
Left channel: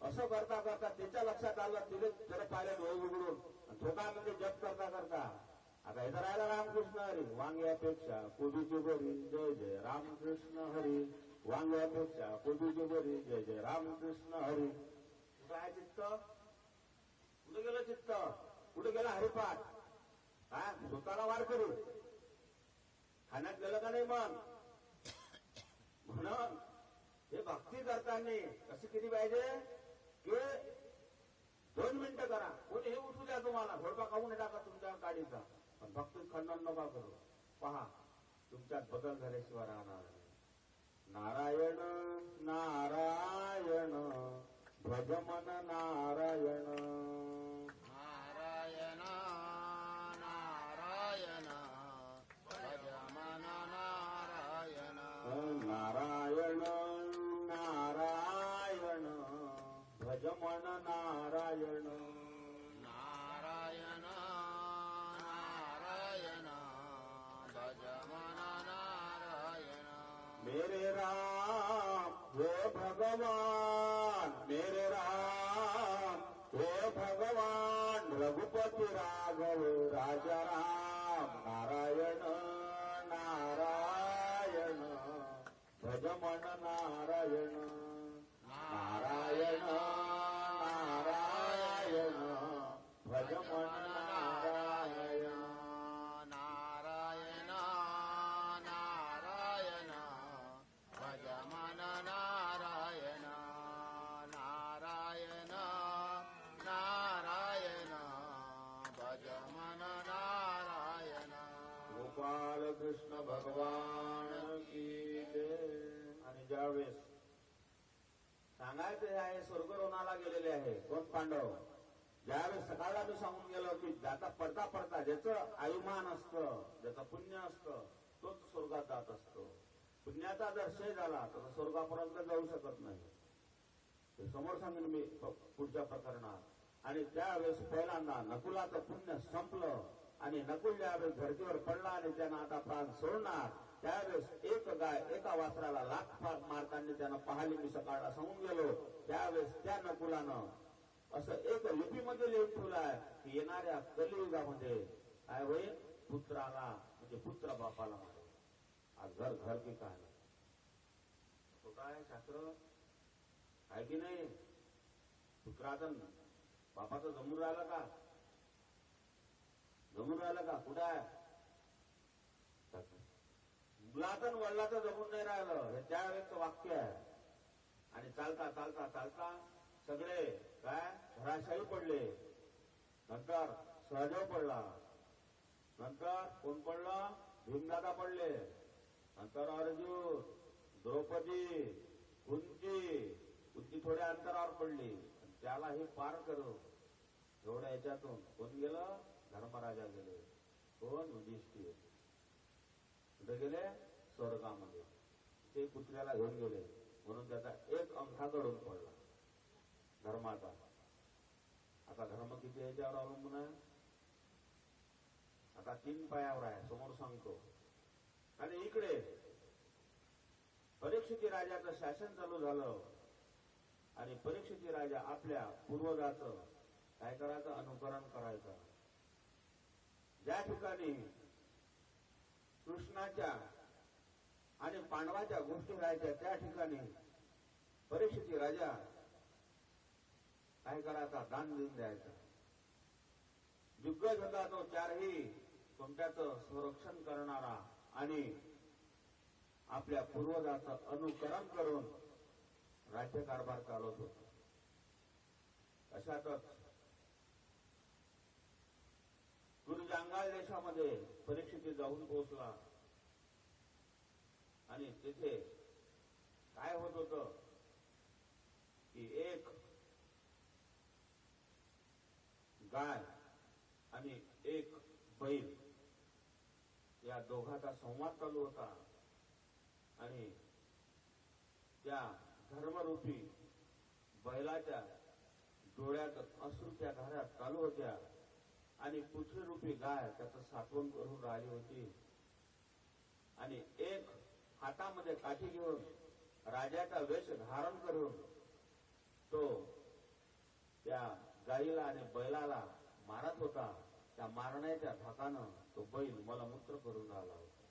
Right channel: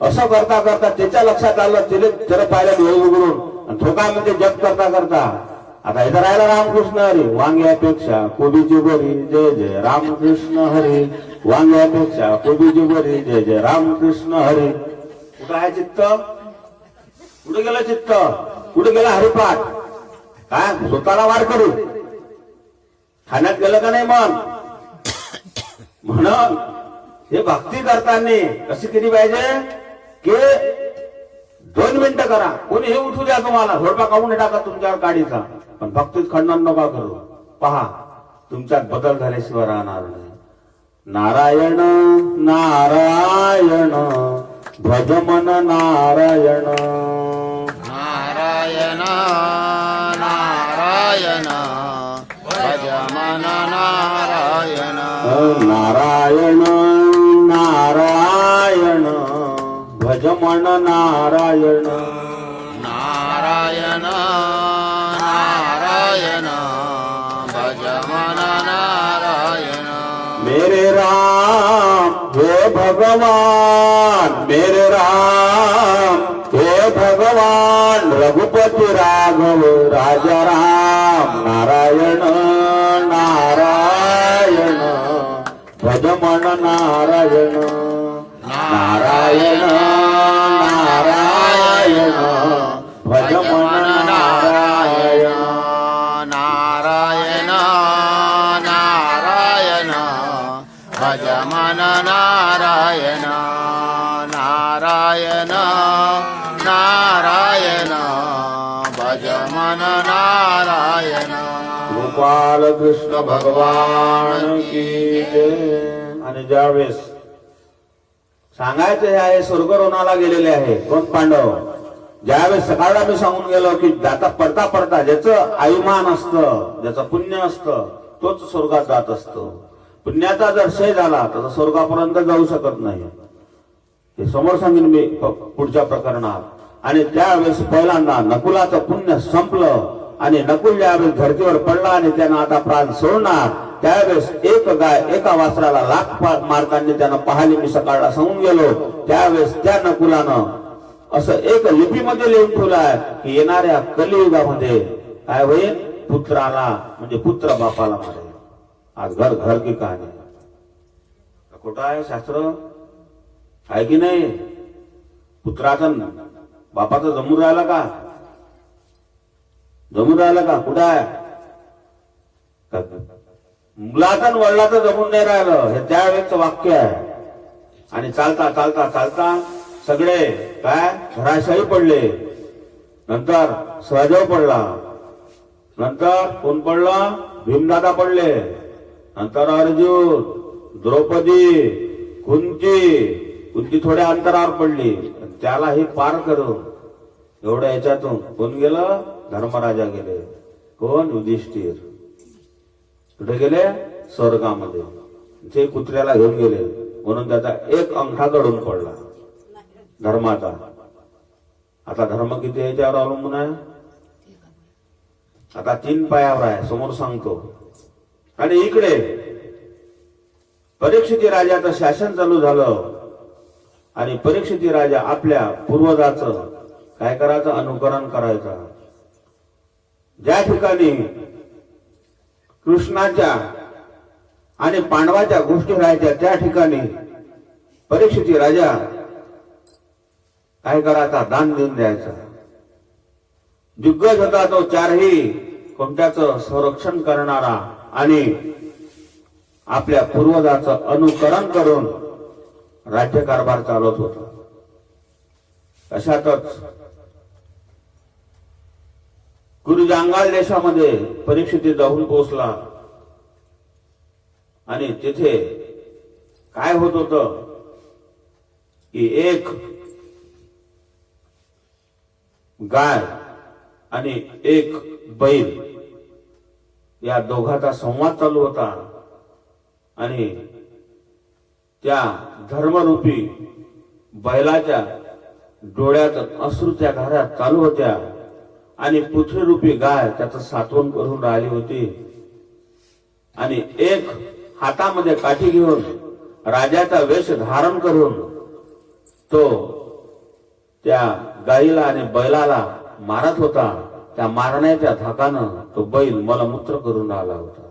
असं करता करता त्याच्या लक्षात आलं, त्याला पाहिलं डोळे उघडून. आणि तो काय म्हणजे जप करता करता आता इथं राहिला रामकृष्ण हरी. वांग्यापेक्षा कोबीची बरी, जय जय रामकृष्ण हरी. वांग्यापेक्षा कोबीची बरी, जय जय रामकृष्ण हरी. कुठं आहे चित्त? कुठे गेलं चित्त? कुठे गेला हरिपाठ? काय स्वतःला वार करू खाण्यात गेलं का नाही? मग म्हणून हे भक्ती करताना कशी केली पाहिजे की 2 मिनिटं करा, कोणी हे उठू द्या तुम्हाला, झोडपा काढून टाका तुमच्यावर गाडीचा, पण भक्तीत खंडन नका करू. पहा तुमच्यात बदल झाल्याशिवाय राहणार नाही. नारायण नारायण भज मन नारायण, नारायण नारायण भज मन नारायण, नारायण नारायण भज मन नारायण, नारायण नारायण भज मन नारायण. मेरे राम हे भगवान, मेरे राम हे भगवान, रघुपति राघव राजा राम. नारायण नारायण भज मन नारायण, नारायण नारायण भज मन नारायण, नारायण नारायण भज मन नारायण, नारायण नारायण भज मन नारायण. गोपाल कृष्ण भगवान की जय. आणि ज्यावेळेस सांगायचं हे आहे, स्वर्गरोणाला गेलेले आहे कोण? पांडव. ज्यावेळेस सकाळला मी सांगून गेलो की जाता पडता पडता ज्याचं अभिमान असतं, ज्याचं पुण्य असतं, तोच स्वर्गात जात असतो. पुण्याचा जर क्षय झाला तर स्वर्गापर्यंत जाऊ शकत नाही. हे समोर सांगेन मी पुढच्या प्रकरणात. आणि त्यावेळेस पहिल्यांदा नकुलाचं पुण्य संपलं आणि नकुल ज्यावेळेस धरतीवर पडला आणि त्यानं आता प्राण सोडणार, त्यावेळेस एक गाय एका वासराला 1,00,000 मार्कांनी त्यानं पाहिली. मी सकाळला सांगून गेलो. त्यावेळेस त्या नकुलानं असं एक लिपीमध्ये लिहून ठेवलं आहे की येणाऱ्या कलियुगामध्ये काय होईल, पुत्राला म्हणजे पुत्र बापाला मारेल. आज घर घर की कहाणी. खोटं आहे शास्त्र आहे की नाही? पुत्राचं बापाचं जमून राहिलं का? जमून राहिलं का? कुठं आहे? मुलाचं वडिलाचं जमून नाही राहिलं, हे त्यावेळेचं वाक्य आहे. आणि चालता चालता चालता सगळे काय घराशाही पडले. नंतर सहदेव पडला, नंतर कोण पडला? भीमदादा पडले, नंतर अर्जुन, द्रौपदी, कुंती थोड्या अंतरावर पडली. त्याला हे पार करून एवढ्या याच्यातून कोण गेलं? धर्मराजा गेले. कोण? युधिष्ठिर. कुठे गेले? स्वर्गामध्ये. ते कुत्र्याला घेऊन गेले म्हणून त्याचा एक अंगठा गळून पडला धर्माचा. आता धर्म किती याच्यावर अवलंबून आहे? आता 3 पायावर आहे, समोर सांगतो. आणि इकडे परीक्षित राजाचं शासन चालू झालं. आणि परीक्षित राजा आपल्या पूर्वजाचं काय करायचं, अनुकरण करायचं. ज्या ठिकाणी कृष्णाच्या आणि पांडवाच्या गोष्टी राहायच्या त्या ठिकाणी परीक्षित राजा काय करायचा, दान देऊन द्यायचा. दिग्गज होता तो, चारही कोणत्याचं संरक्षण करणारा आणि आपल्या पूर्वजाचं अनुकरण करून राज्यकारभार चालवत होता. अशातच गुरुजांगाल देशामध्ये परीक्षित जाऊन पोहोचला आणि तिथे काय होत होतं की एक गाय आणि एक बैल या दोघांचा संवाद चालू होता आणि त्या धर्मरूपी बैलाच्या डोळ्यात अश्रूच्या धारा चालू होत्या आणि पृथ्वीरूपी गाय त्याचं सात्वन करून राहिली होती. आणि एक हातामध्ये काठी घेऊन राजाचा वेश धारण करून तो त्या गाईला आणि बैलाला मारत होता. त्या मारण्याच्या धाकानं तो बैल मलमूत्र करून राहिला होता.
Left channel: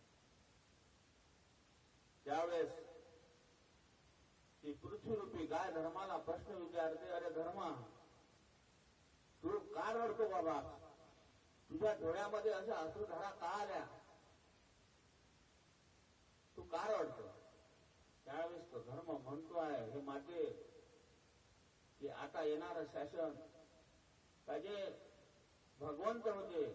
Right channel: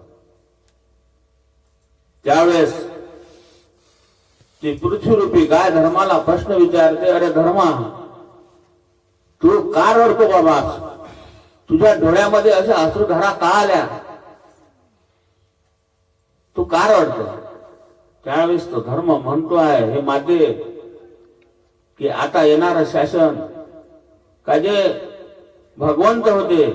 त्यावेळेस ती पृथ्वीरूपी गाय धर्माला प्रश्न विचारते, अरे धर्मा, तू का रडतो बाबा? तुझ्या डोळ्यामध्ये अशा अश्रुधारा का आल्या? तू का रडतो? त्यावेळेस तो धर्म म्हणतो आहे, हे माते, की आता येणारं शासन का जे भगवंत होते,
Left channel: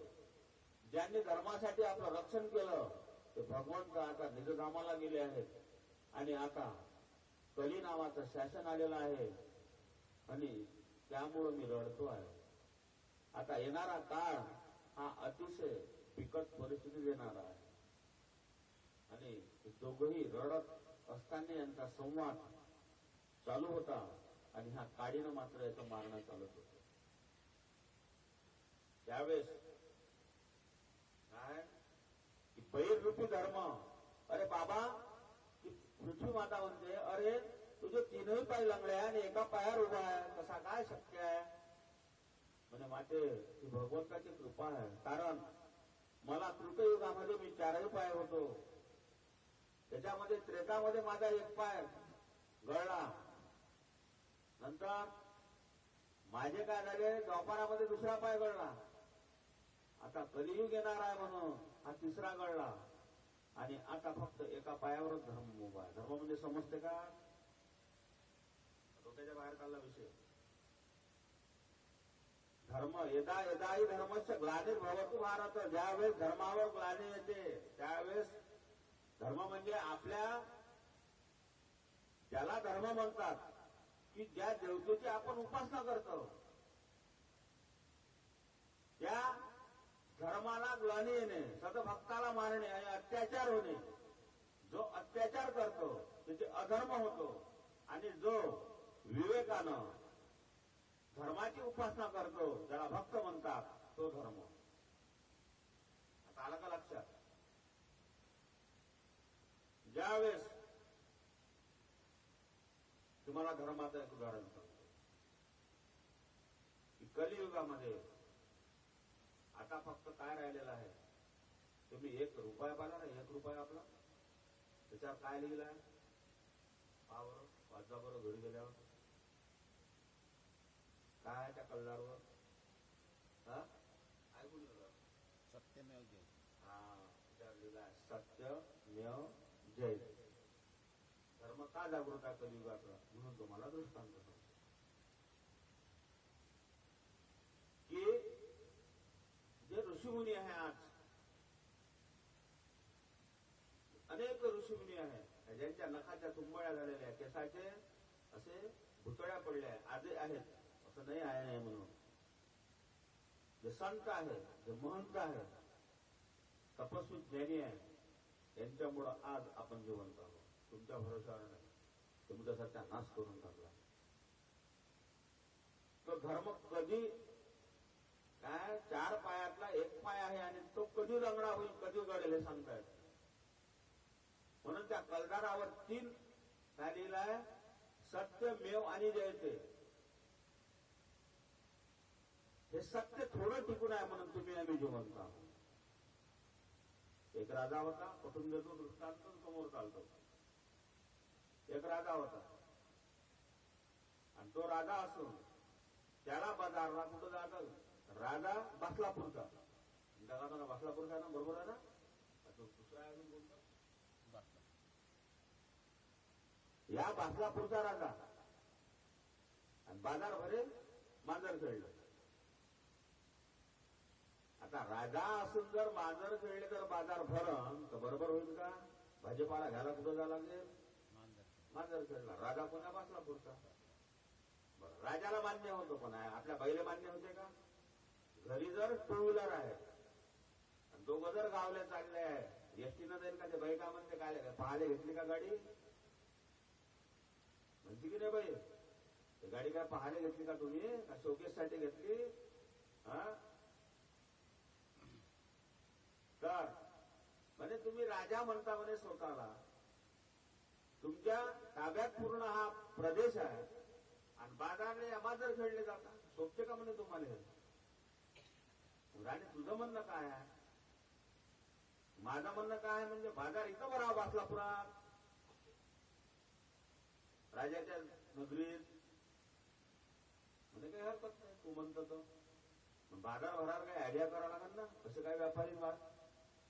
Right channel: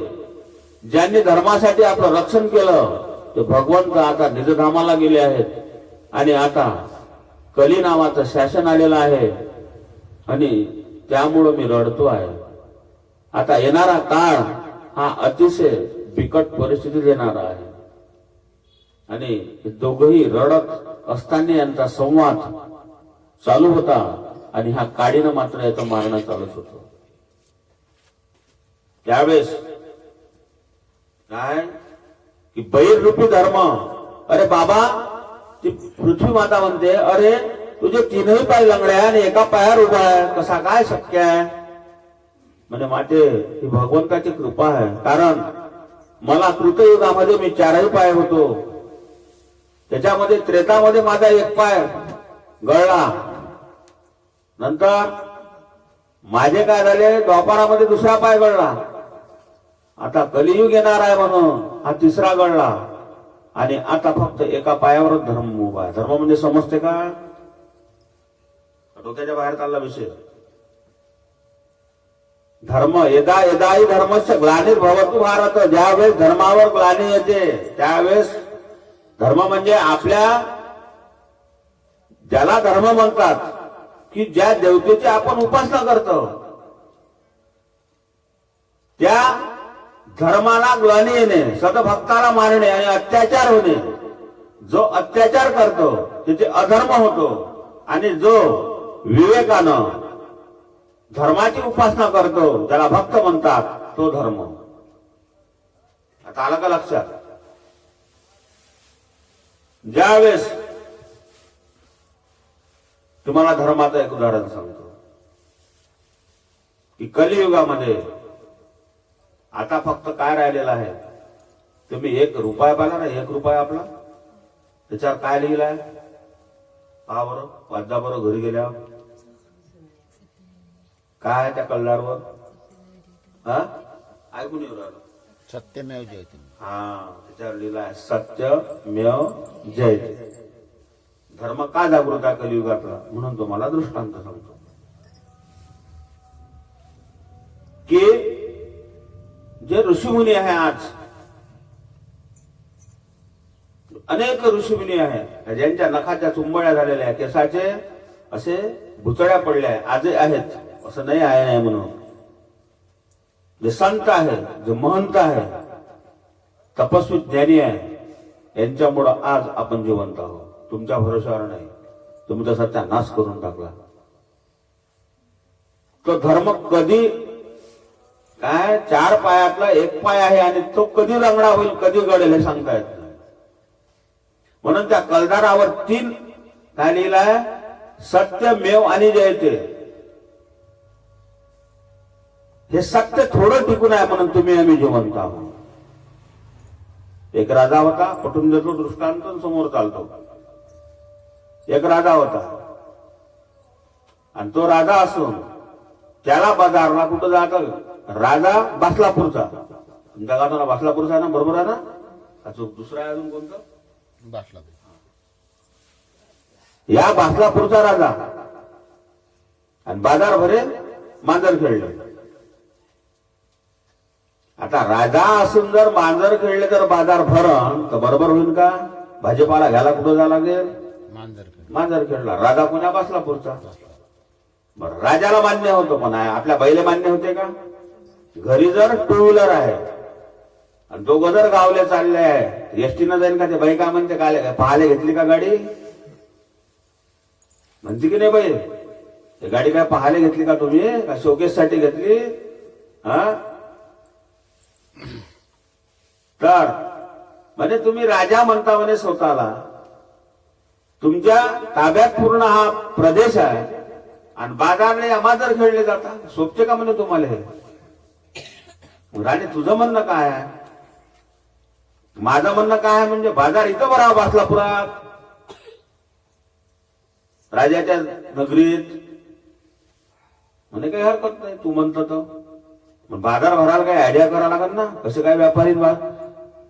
ज्यांनी धर्मासाठी आपलं रक्षण केलं, ते भगवंत आता निजधामाला गेले आहेत आणि आता कली नावाचं शासन आलेलं आहे आणि त्यामुळं मी रडतो आहे. आता येणारा काळ हा अतिशय बिकट परिस्थिती देणारा आहे. आणि दोघही रडत असताना यांचा संवाद चालू होता आणि ह्या काडीनं मात्र याचं मारणं चालूच होतं. त्यावेळेस काय की बैलरूपी धर्म, अरे बाबा, ती पृथ्वी माता म्हणते, अरे तुझे तीनही पाय लंगड्या आणि एका पायावर उभा आहे, कसा काय शक्य आहे? म्हणजे माते, ही भगवंताची कृपा आहे. कारण मला कृतयुगामध्ये मी चारही पाय होतो, त्याच्यामध्ये त्रेतामध्ये माझा एक पाय गळला, नंतर माझे काय झाले, द्वापारामध्ये दुसरा पाय गळला, आता कलियुग येणार आहे म्हणून हा तिसरा गळला आणि आता फक्त एका पायावरच धर्म उभा आहे. धर्म म्हणजे समजते का? डोक्याच्या बाहेर चालला विषय. धर्म यदा यदाही धर्मस्य ग्लानिर्भवतु भारत, ज्यावेळेस धर्मावर ग्लानी येते त्यावेळेस धर्म म्हणजे आपल्या, ज्याला धर्म म्हणतात की ज्या देवतेची आपण उपासना करतो त्या धर्माला ग्लानी येणे, सदभक्ताला मारणे आणि अत्याचार होणे. जो अत्याचार करतो त्याचे अधर्म होतो आणि जो विवेकानं धर्माची उपासना करतो, ज्याला भक्त म्हणतात, तो धर्म. आता आलं का लक्षात? ज्यावेळेस तुम्हाला धर्माचं एक उदाहरण सांगतो की कलियुगामध्ये आता फक्त काय राहिलेलं आहे, तुम्ही 1 रुपया पाहिला ना, 1 रुपया आपला, त्याच्यावर काय लिहिलं आहे पहा बरं, वाचा बरं घरी गेल्यावर काय आहे त्या कल्लारवर, हा ऐकून येऊ राहिलं, सत्यमेव जयते. हा त्याच्यावर लिहिलं आहे सत्यमेव जयते. धर्म का जागृत आहे कलियुगातला, म्हणून तुम्हाला दृष्टांत सांगतो की जे ऋषीमुनी आहे, आज अनेक ऋषीमुनी आहे ज्यांच्या नखाच्या चुंबळ्या झालेल्या आहे, केसाचे असे भुतळ्या पडल्या आहे, आजही आहेत, असं नाही आहे नाही म्हणून. जे संत आहे, जे महंत आहे, तपस्वी ज्ञानी आहे, यांच्यामुळं आज आपण जिवंत आहोत. तुमच्या भरोशावर नाही, तुमचा सत्यानाश करून टाकला. तो धर्म कधी काय, 4 पायातला 1 पाय आहे आणि तो कधी लंगडा होईल, कधी गळेल हे सांगता येत नाही. म्हणून त्या कलदारावर 3 काय लिहिलंय, सत्यमेव आणि जयते. हे सत्य थोडं टिकून आहे म्हणून तुम्ही आम्ही जिवंत आहोत. एक राजा होता, पटून देतो दृष्टांत समोर चालतो. एक राजा होता आणि तो राजा असून त्याला बाजारला कुठं जात, राजा बासलापूरचा. तुमच्या गावाला बासलापूरचा आहे ना, बरोबर आहे ना? अजून दुसरा आहे अजून कोणतं? बसला या बासलापूरचा राजा आणि बाजार भरे मांजर खेळले. आता राजा असून जर मांजर खेळले तर बाजार भरण तर बरोबर होईल का? भाजीपाला घ्यायला कुठं जावं लागेल? मांजर खेळला. राजा कोण्या बासलापूरचा. बरं, राजाला मान्य होतं, पण आपल्या बाईला मान्य होते का? घरी जर टू व्हीलर आहे आणि दोघं जर गावले चालले आहे, एसटीनं जाईल का? ते बाई काय म्हणते, काय पाहायला घेतली का गाडी? म्हणते की नाही बाई, ही गाडी काय पाहायला घेतली का तुम्ही? का शोकेस साठी घेतली? हा, तर म्हणजे तुम्ही राजा म्हणता म्हणे स्वतःला. तुमच्या ताब्यात पूर्ण हा प्रदेश आहे आणि बाजारने अमाजर खेळले जातात. सोपते का म्हणे तुम्हाला हे? राणे तुझं म्हणणं काय आहे? माझं म्हणणं काय आहे म्हणजे बाजार इथं भरावा बासलापुरात, राजाच्या नगरीत. म्हणे काही हरकत नाही तू म्हणतो तर. मग बाजार भरायला काही आयडिया करावं लागेल ना. कसे काय व्यापारी,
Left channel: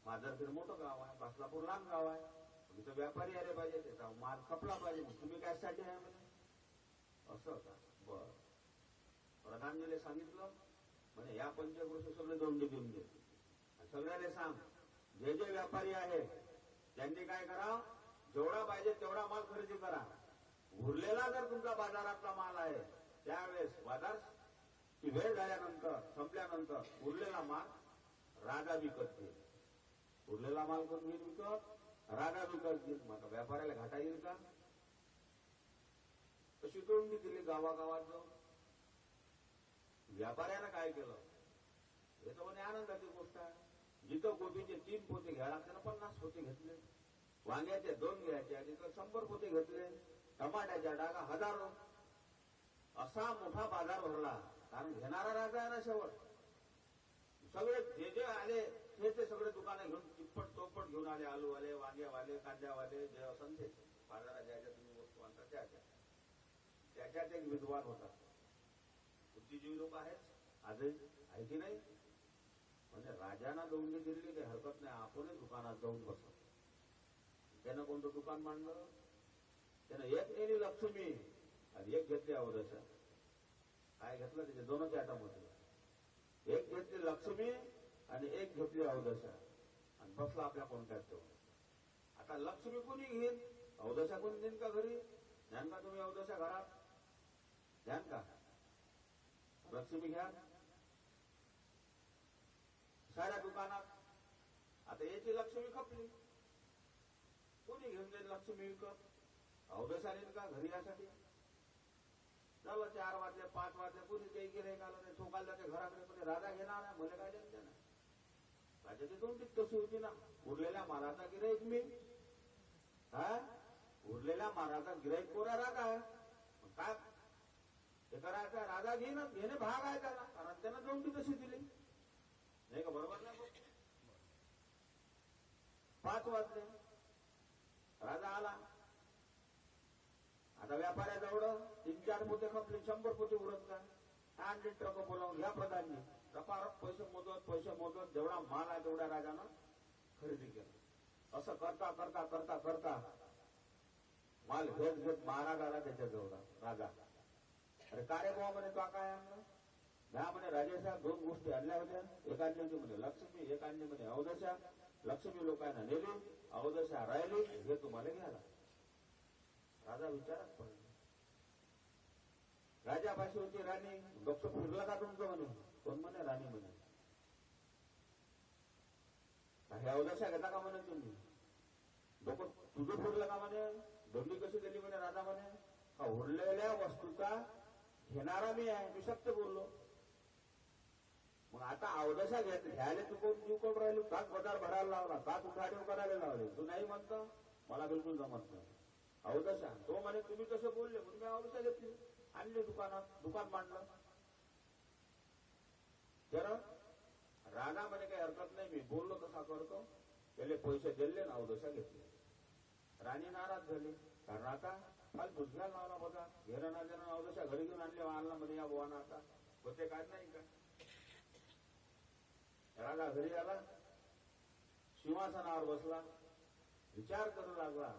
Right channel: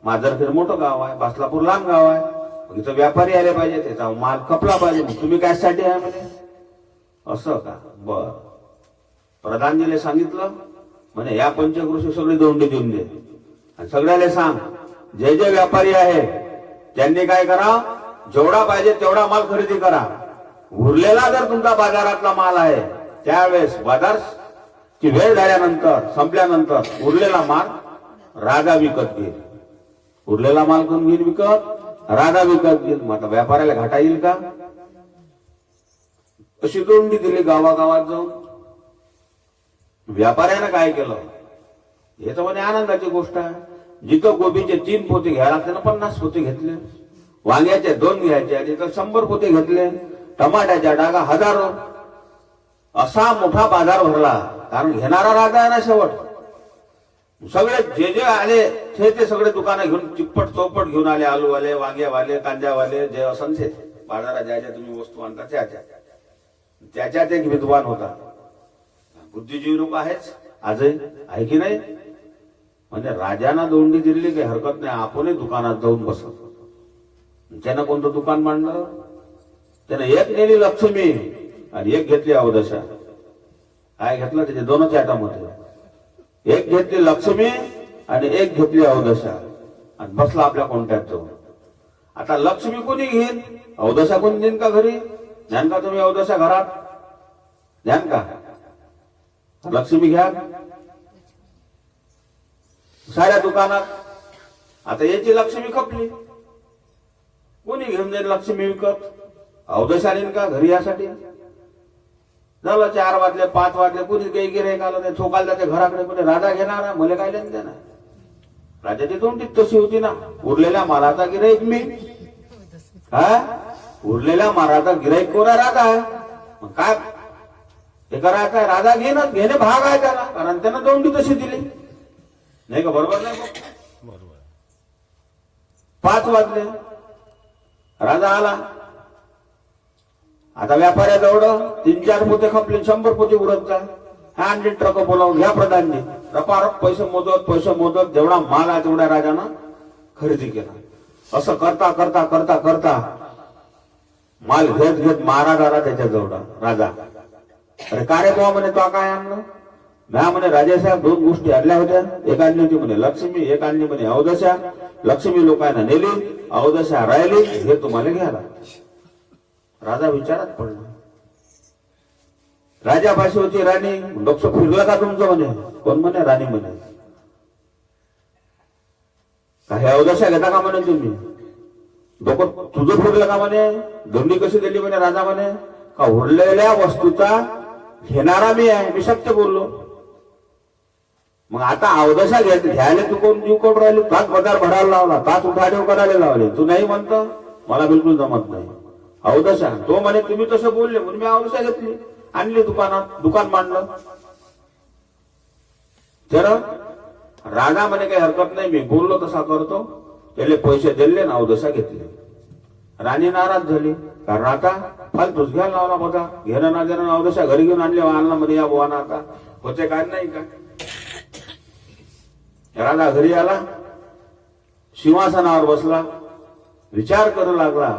माजरखेड मोठं गाव आहे, बासलापूर लांब गाव आहे, मग इथं व्यापारी आले पाहिजे, त्याचा माल खपला पाहिजे. मग तुम्ही काय साठी आहे म्हणे? असं का? बर. प्रधानजीले सांगितलं म्हणे या पंचकृषी सगळी दोंडी देऊन दे आणि सगळ्याला सांग जे जे व्यापारी आहे त्यांनी काय करा, जेवढा पाहिजे तेवढा माल खरेदी करा. उरलेला जर तुमचा बाजारातला माल आहे त्यावेळेस बाजार ची वेळ झाल्यानंतर, संपल्यानंतर उरलेला माल राजा विकत घेईल. उरलेला माल कोण घेईल विकत? राजा विकत घेईल. मग आता व्यापाऱ्याला घाटा येईल का? अशी दोंडी दिली गावागावात जाऊन. व्यापाऱ्यानं काय केलं? हे तर म्हणे आनंदाची गोष्ट आहे. जिथं गोबीचे 3 पोते घ्यायला लागते ना 50 पोते घेतले, वांग्याचे 2 घ्यायचे तिथं 100 पोते घेतले, टमाट्याच्या डागा हजारो. असा मोठा बाजार भरला. कारण घेणारा राजा आहे ना शेवट. सगळे जे जे आले ते सगळे दुकानं घेऊन चिप्पट चौपट घेऊन आले. आलूवाले, वांग्यावाले, कांद्यावाले, जे असंख्य बाजारात ज्या ज्या तुम्ही वस्तू आणता त्याच्यात एक विद्वान होता. बुद्धिजीवी लोक आहेच आजही, आहे की नाही? म्हणजे राजांना दोंडी दिली काही हरकत नाही, आपणही दुकानात जाऊन बसत. त्यानं कोणतं दुकान मांडलं? त्यानं एक नेली लक्ष्मी आणि एक घेतली अवदशा. काय घेतलं? त्याचे 2च आयटम होते. एक घेतली लक्ष्मी आणि एक घेतली अवदशा आणि बसला आपल्या कोणत्यात जाऊन. आता लक्ष्मी कोणी घेईन, अवदशा कोणी देईन का घरी? ज्ञान का तुम्ही अवदशा घरात? ज्ञान का? लक्ष्मी घ्या साऱ्या दुकानात. आता याची लक्ष्मी खपली, कोणी घेऊन जाईल लक्ष्मी विकत? अवदशा देईन का घरी यासाठी? झालं 4 वाजले 5 वाजले, कोणी काही गिऱ्हाईक आलं नाही, ठोकायला जाते घराकडे. पण राजा घेणार आहे, मला काय लेन देणार? राजाची दोंडीत तशी होती ना. उरलेल्या मालाचा गिऱ्हाईक मी, हा उरलेल्या मालाचा गिऱ्हाईक कोणा? राजा आहे. मग काय हे करायचं? राजा घेणे भाग आहे त्याला, कारण त्यानं दोंडी तशी दिली नाही का? बरोबर नाही? बरोबर. 5 वाजले, राजा आला. आता व्यापाऱ्याजवळ 3-4 पोते खपले, 100 पोते उरत जा. आणले ट्रक बोलावून, घ्या प्रधानजी. रपारप पैसे मोजत जेवढा माल आहे तेवढ्या राजानं खरेदी केला. असं करता करता करता करता माल घेत महाराज आला त्याच्याजवळ. राजा, अरे का रे बुवा म्हणे, तो काय आणलं? म्या म्हणे राजासाहेब 2 गोष्टी आणल्या होत्या. एक आणली होती म्हणे लक्ष्मी, एक आणली म्हणे अवदशा. लक्ष्मी लोकांना नेली, अवदशा राहिली, हे तुम्हाला घ्यायला. राजा विचारात पडला. राजापाशी होती राणी. डोक्स फिरलं का तुमचं म्हणे? कोण म्हणे? राणी म्हणे. काही अवदशा घेता का म्हणे तुम्ही? डोकं तुझं फिरलं का म्हणे? दोंडी कशी दिली म्हणे? राजा म्हणे का उरलेल्या वस्तूचा घेणारा मी आहे, मी सत्य बोललो. मग आता अवदशा घ्यायला तू कोण जीव कोण राहिली? ताच पगार भरायला लावला, ताच उठाठेव करायला लावले. तू नाही म्हणतो? मला बिलकुल जमत नाही. अवदशा. तो म्हणे तुम्ही तसं बोलले म्हणून मी अवदशा घेतली, आणली दुकानात, दुकान मांडलं. तर राजा म्हणे काही हरकत नाही, मी बोललो तसा करतो. त्याले पैसे दिले ना अवदशा घेतली. राणी नाराज झाली, कारण आता फालतूच घ्यायला लावला बघा, घेणं ना देणं. अवदशा घरी घेऊन आणले, अन्नामध्ये या बोवाना आता होते काय नाही का. राजा घरी आला, सिंहासनावर बसला, विचार करू लागला.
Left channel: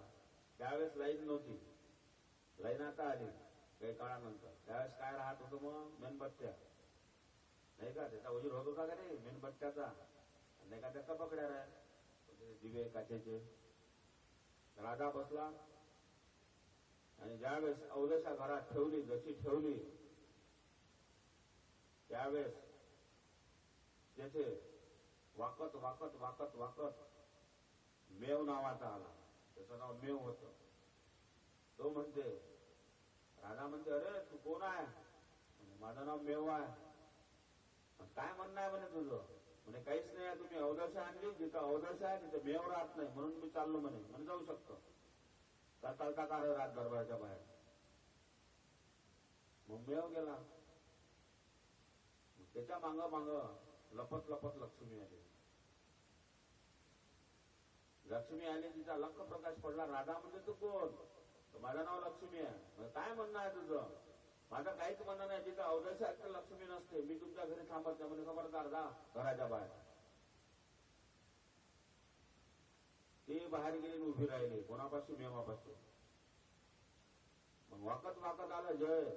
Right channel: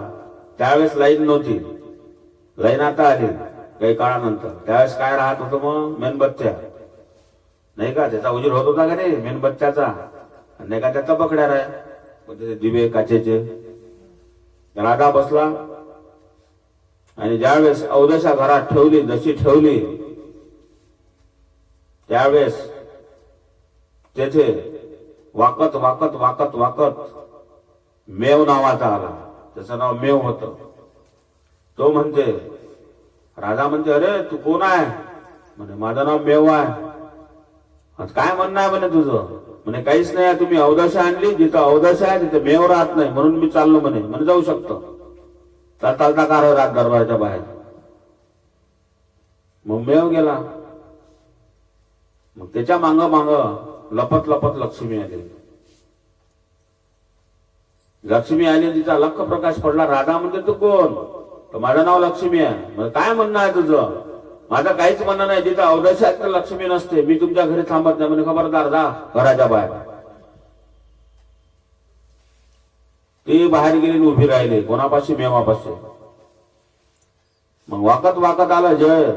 त्यावेळेस लाईन नव्हती, लाईन आता आली काही काळानंतर. त्यावेळेस काय राहत होतं मग, मेणबत्त्या नाही का, त्याचा उजीर होत होता का नाही मेणबत्त्याचा, नाही का त्या तबकड्या राय दिवे काचेचे. राजा बसला आणि ज्यावेळेस अवदशा घरात ठेवली, जशी ठेवली त्यावेळेस तेथे वाकत वाकत वाकत वाकत मेव नावाचा आला. त्याचं नाव मेव होतं. तो म्हणते, राजा म्हणते, अरे तू कोण आहे म्हणे. माझं नाव मेव आहे. काय म्हणणं आहे म्हणे तुझं. म्हणे काहीच नाही, तुम्ही अवदशा आणली, जिथं अवदशा आहे तिथे मेव राहत नाही म्हणून मी चाललो म्हणे. म्हणे जाऊ शकतो, चालता कार रात दरबाराच्या बाहेर. मग मेव गेला. मग त्याच्या मांग मांग लपत लपत लक्ष्मी आली. लक्ष्मी आली, तिचा लख प्रकाश पडला. राजा म्हणते तू कोण. तर माझं नाव लक्ष्मी आहे. मग काय म्हणणं आहे तुझं. माझं काहीच म्हणणं नाही, जिथं अवदशा तर लक्ष्मी नसते, मी तुमच्या घरी थांबत नाही. म्हणजे खबरदार, जा घराच्या बाहेर. ती बाहेर गेली, उभी राहिली कोणापाशी, मेवापाशी. मग वाकत वाकत आलं जय.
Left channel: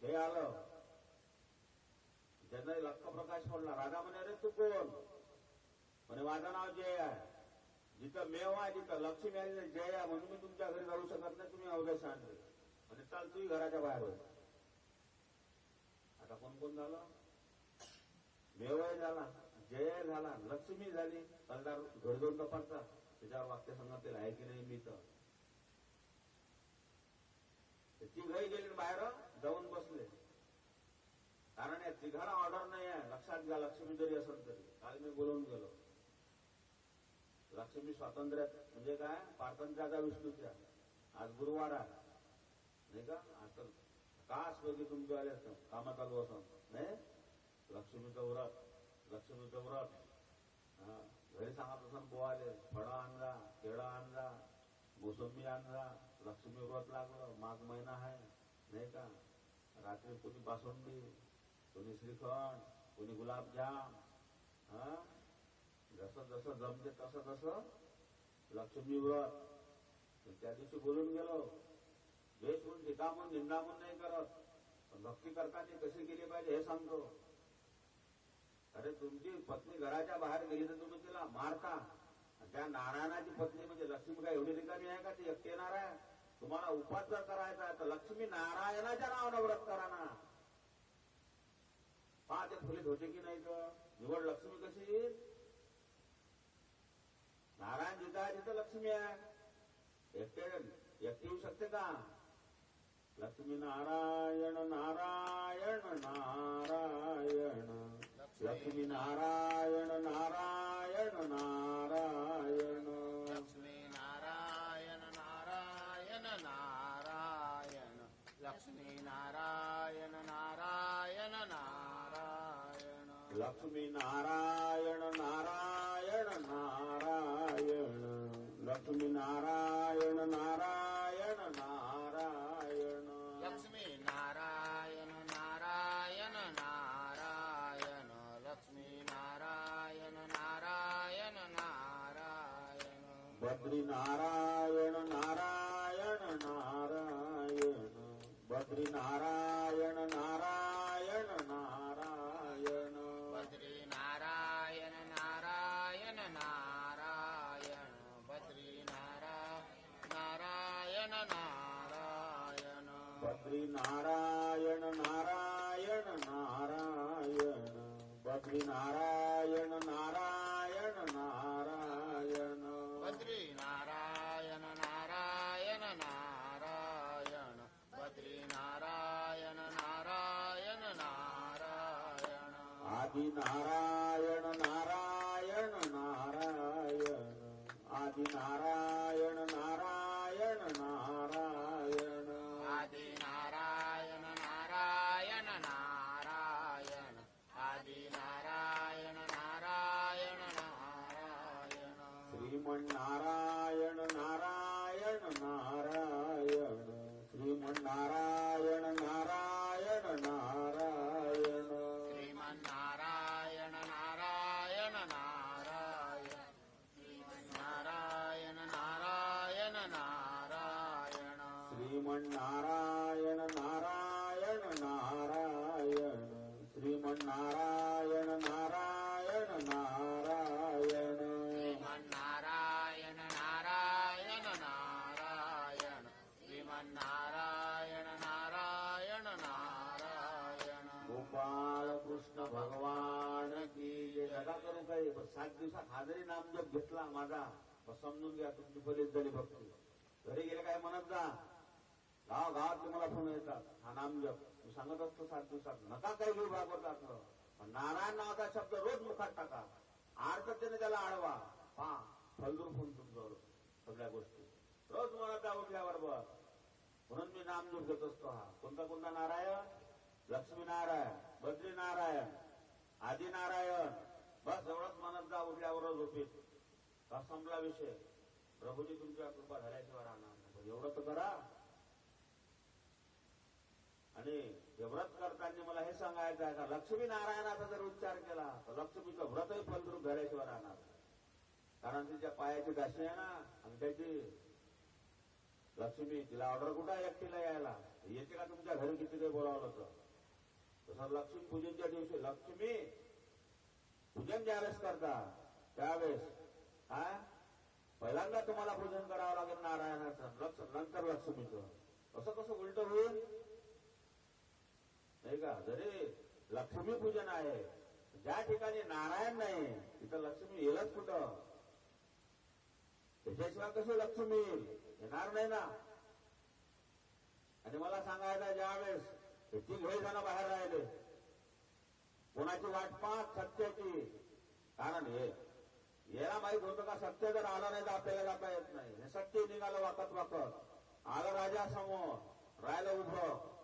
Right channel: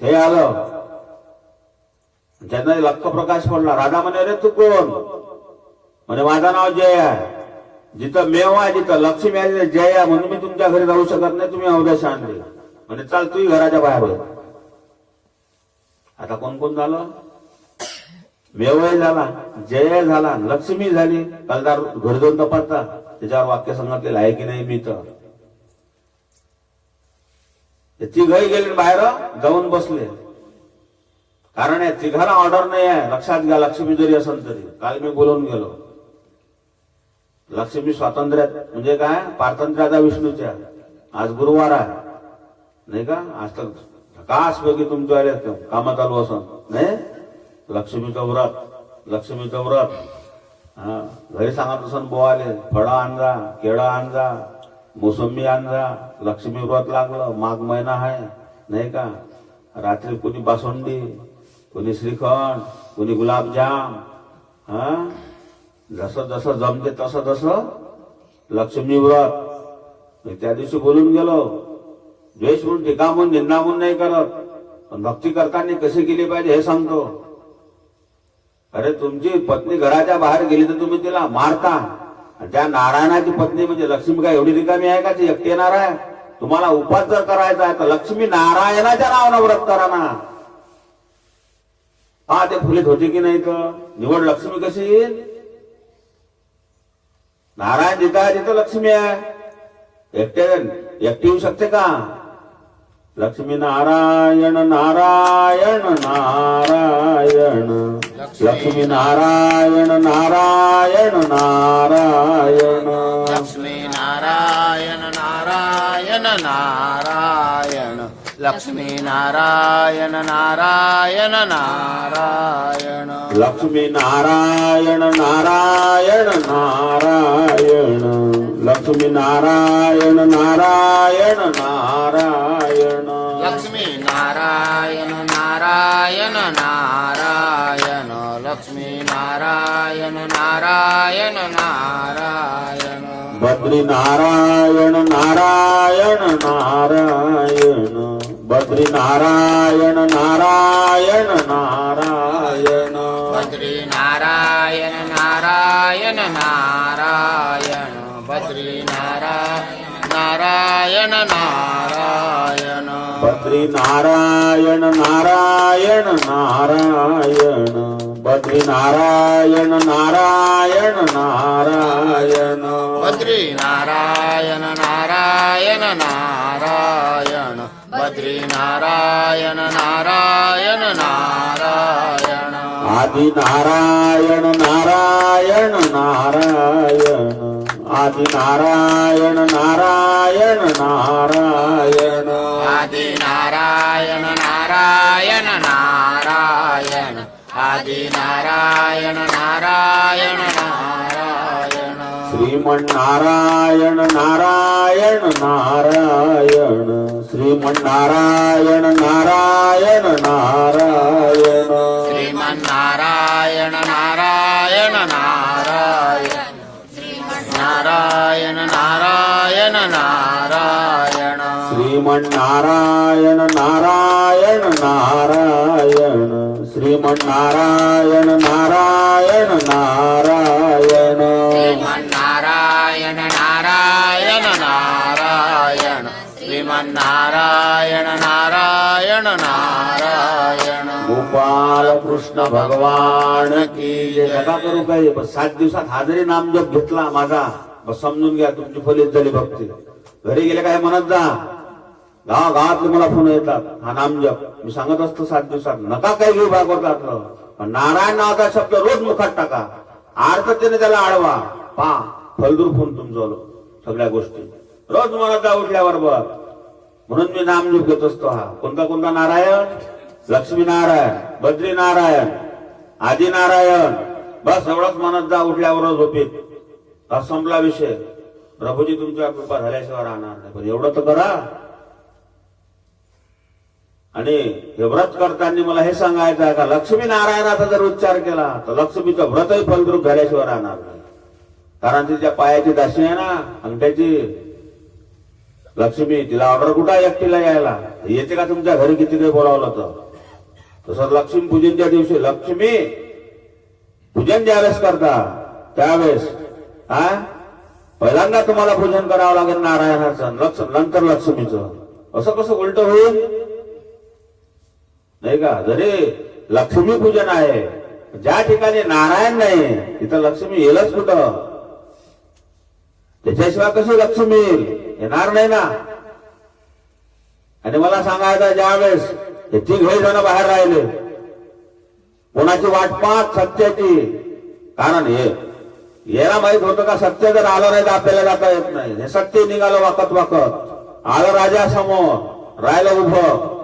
हे आलं, त्यांना लख प्रकाश पडला. राजा म्हणे, अरे तू कोण म्हणे. माझं नाव जय आहे. जिथं मेव आहे, जिथं लक्ष्मी आहे, तिथे जय आहे. म्हणून मी तुमच्या घरी जाऊ शकत नाही, तुम्ही अवदशा आणली. म्हणजे चाल तूही घराच्या बाहेर हो. आता कोण कोण झालं. मेवय झाला, जय झाला, लक्ष्मी झाली. कालदार घर जाऊन तपासता त्याच्यावर वाक्य सांगितलेलं आहे की नाही. मी तर तिघही गेले बाहेर जाऊन बसले. कारण या तिघाला ऑर्डर नाही आहे, लक्षात घ्या. लक्ष्मी जरी असेल तरी काल मी बोलून गेलो. लक्ष्मी स्वातंत्र्यात म्हणजे काय, पारतंत्र्याचा विष्णूच्या. आज गुरुवार आहे नाही का. आज तर कास पैकी तुमच्या आले काम चालू असं नाही. लक्ष्मीचं व्रत, लक्ष्मीचं व्रत. हा घरी सांगत असं बोवाले, फळं आणजा, केळं आणजा, मोसंबी आणजा. लक्ष्मी व्रत लागलं, माघ महिना आहे नाही का. रात्री कोणी बासुंदी, कोणी श्रीखंड, कोणी गुलाबजाम. हा जसं जसं जमते तसं तसं लक्ष्मी व्रत. त्या दिवशी बोलून गेलो, द्वेष म्हणून, टीका म्हणून, निंदा म्हणून नाही करत, पण भक्ती करताना कशी केली पाहिजे हे सांगतो. अरे तुमची पत्नी घराच्या बाहेर गेली तर तुम्ही तिला मारता. त्या नारायणाची पत्नी म्हणजे लक्ष्मी काय एवढी रिकामी आहे का ती एकटी येणार आहे. तुम्हाला उपास जर करायचा आहे तर लक्ष्मी नारायणाच्या नावानं व्रत करा ना. हा ते फुलीत होते की नाही तर निवड लक्ष्मी कशी येईल. नारायण जिथं आहे तिथं लक्ष्मी आहे. एकटी येऊ शकते का. लक्ष्मी नारायण नारायण नारायण. लक्ष्मी नारायण नारायण नारायण. लक्ष्मी नारायण नारायण नारायण. लक्ष्मी नारायण नारायण नारायण. लक्ष्मी नारायण नारायण नारायण. लक्ष्मी नारायण नारायण नारायण. लक्ष्मी नारायण नारायण नारायण. लक्ष्मी नारायण नारायण नारायण. बद्री नारायण नारायण नारायण. बद्री नारायण नारायण नारायण. बद्री नारायण नारायण नारायण. बद्री नारायण नारायण. बद्री नारायण नारायण नारायण. बद्री नारायण नारायण नारायण. बद्री नारायण नारायण नारायण. बद्री नारायण नारायण नारायण. आदि नारायण नारायण नारायण. आदि आदि नारायण नारायण नारायण आदि नारायण नारायण नारायण आदि नारायण नारायण नारायण श्रीमन्नारायण नारायण नारायण श्रीमन्नारायण नारायण नारायण श्रीमन्नारायण नारायण नारायण नारायण नारायण नारायण श्रीमन्नारायण नारायण नारायण श्रीमन्नारायण नारायण नारायण श्रीमन्नारायण नारायण नारायण श्रीमन्नारायण नारायण नारायण गोपाल कृष्ण भगवान की जय. नका करू काही, पण 7 दिवसात हा जरी नामजप घेतला माझा, बस समजून घ्या तुमची फलित झाली भक्ती. घरी गेले काय म्हणत जा, गावातले मला फोन येतात हा नामजप. मी सांगत असतो 7 दिवसात नका काही घेऊ भागवतातलं, पण नारायण नावाचा शब्द रोज मुखात टाका, आर्थतेने त्याला आळवा, पा फलदूर फोन तुमचं सगळ्या गोष्टी रोज म्हणत जा उठल्यावर बघ. म्हणून मी नामजप घेत असतो. हा कोणता कोणता नारायण? लक्ष्मी नारायण, बद्री नारायण, आदि नारायण, बस एवढंच म्हणत जा उठल्यावर झोपेत. हा संपला विषय. प्रभूजी तुमच्या कृपा झाल्याशिवाय राहणार नाही, पण एवढं तर करा. आणि हे व्रत करताना मला हे सांगायचं आहे का, लक्ष्मी नारायणाचा जर उच्चार केला तर लक्ष्मीचं व्रतही फलद्रूप झाल्याशिवाय राहणार नाही. कारण तिच्या पायाची दासी आहे ना अंगठ्याची लक्ष्मी, तिला ऑर्डर कुठं एकटीला यायला येते का तुमच्या घरी किती काही बोलावलं तर. तसं लक्ष्मी पूजनच्या दिवशी लक्ष्मी पूजन ज्यावेळेस करता त्यावेळेस पहिल्यांदा तुम्हाला पूजन करावं लागेल नारायणाचं, नंतर लक्ष्मीचं. असं कसं उलट होईल नाही का. जरी लक्ष्मी पूजन आहे, ज्या ठिकाणी नारायण नाही तिथं लक्ष्मी येईलच कुठं. त्याच्याशिवाय कशी लक्ष्मी येईल, येणार नाही ना. आणि मला सांगायचं ज्यावेळेस हे 3 जण बाहेर राहिले, कोणाची वाट पाहत सत्याची. कारण हे याला माहित होतं का सत्य जर आलं नाही तर आपल्याला जाता येत नाही. हे सत्य निघालं वाकत वाकत आलं राजा समोर, राहिलं उभं.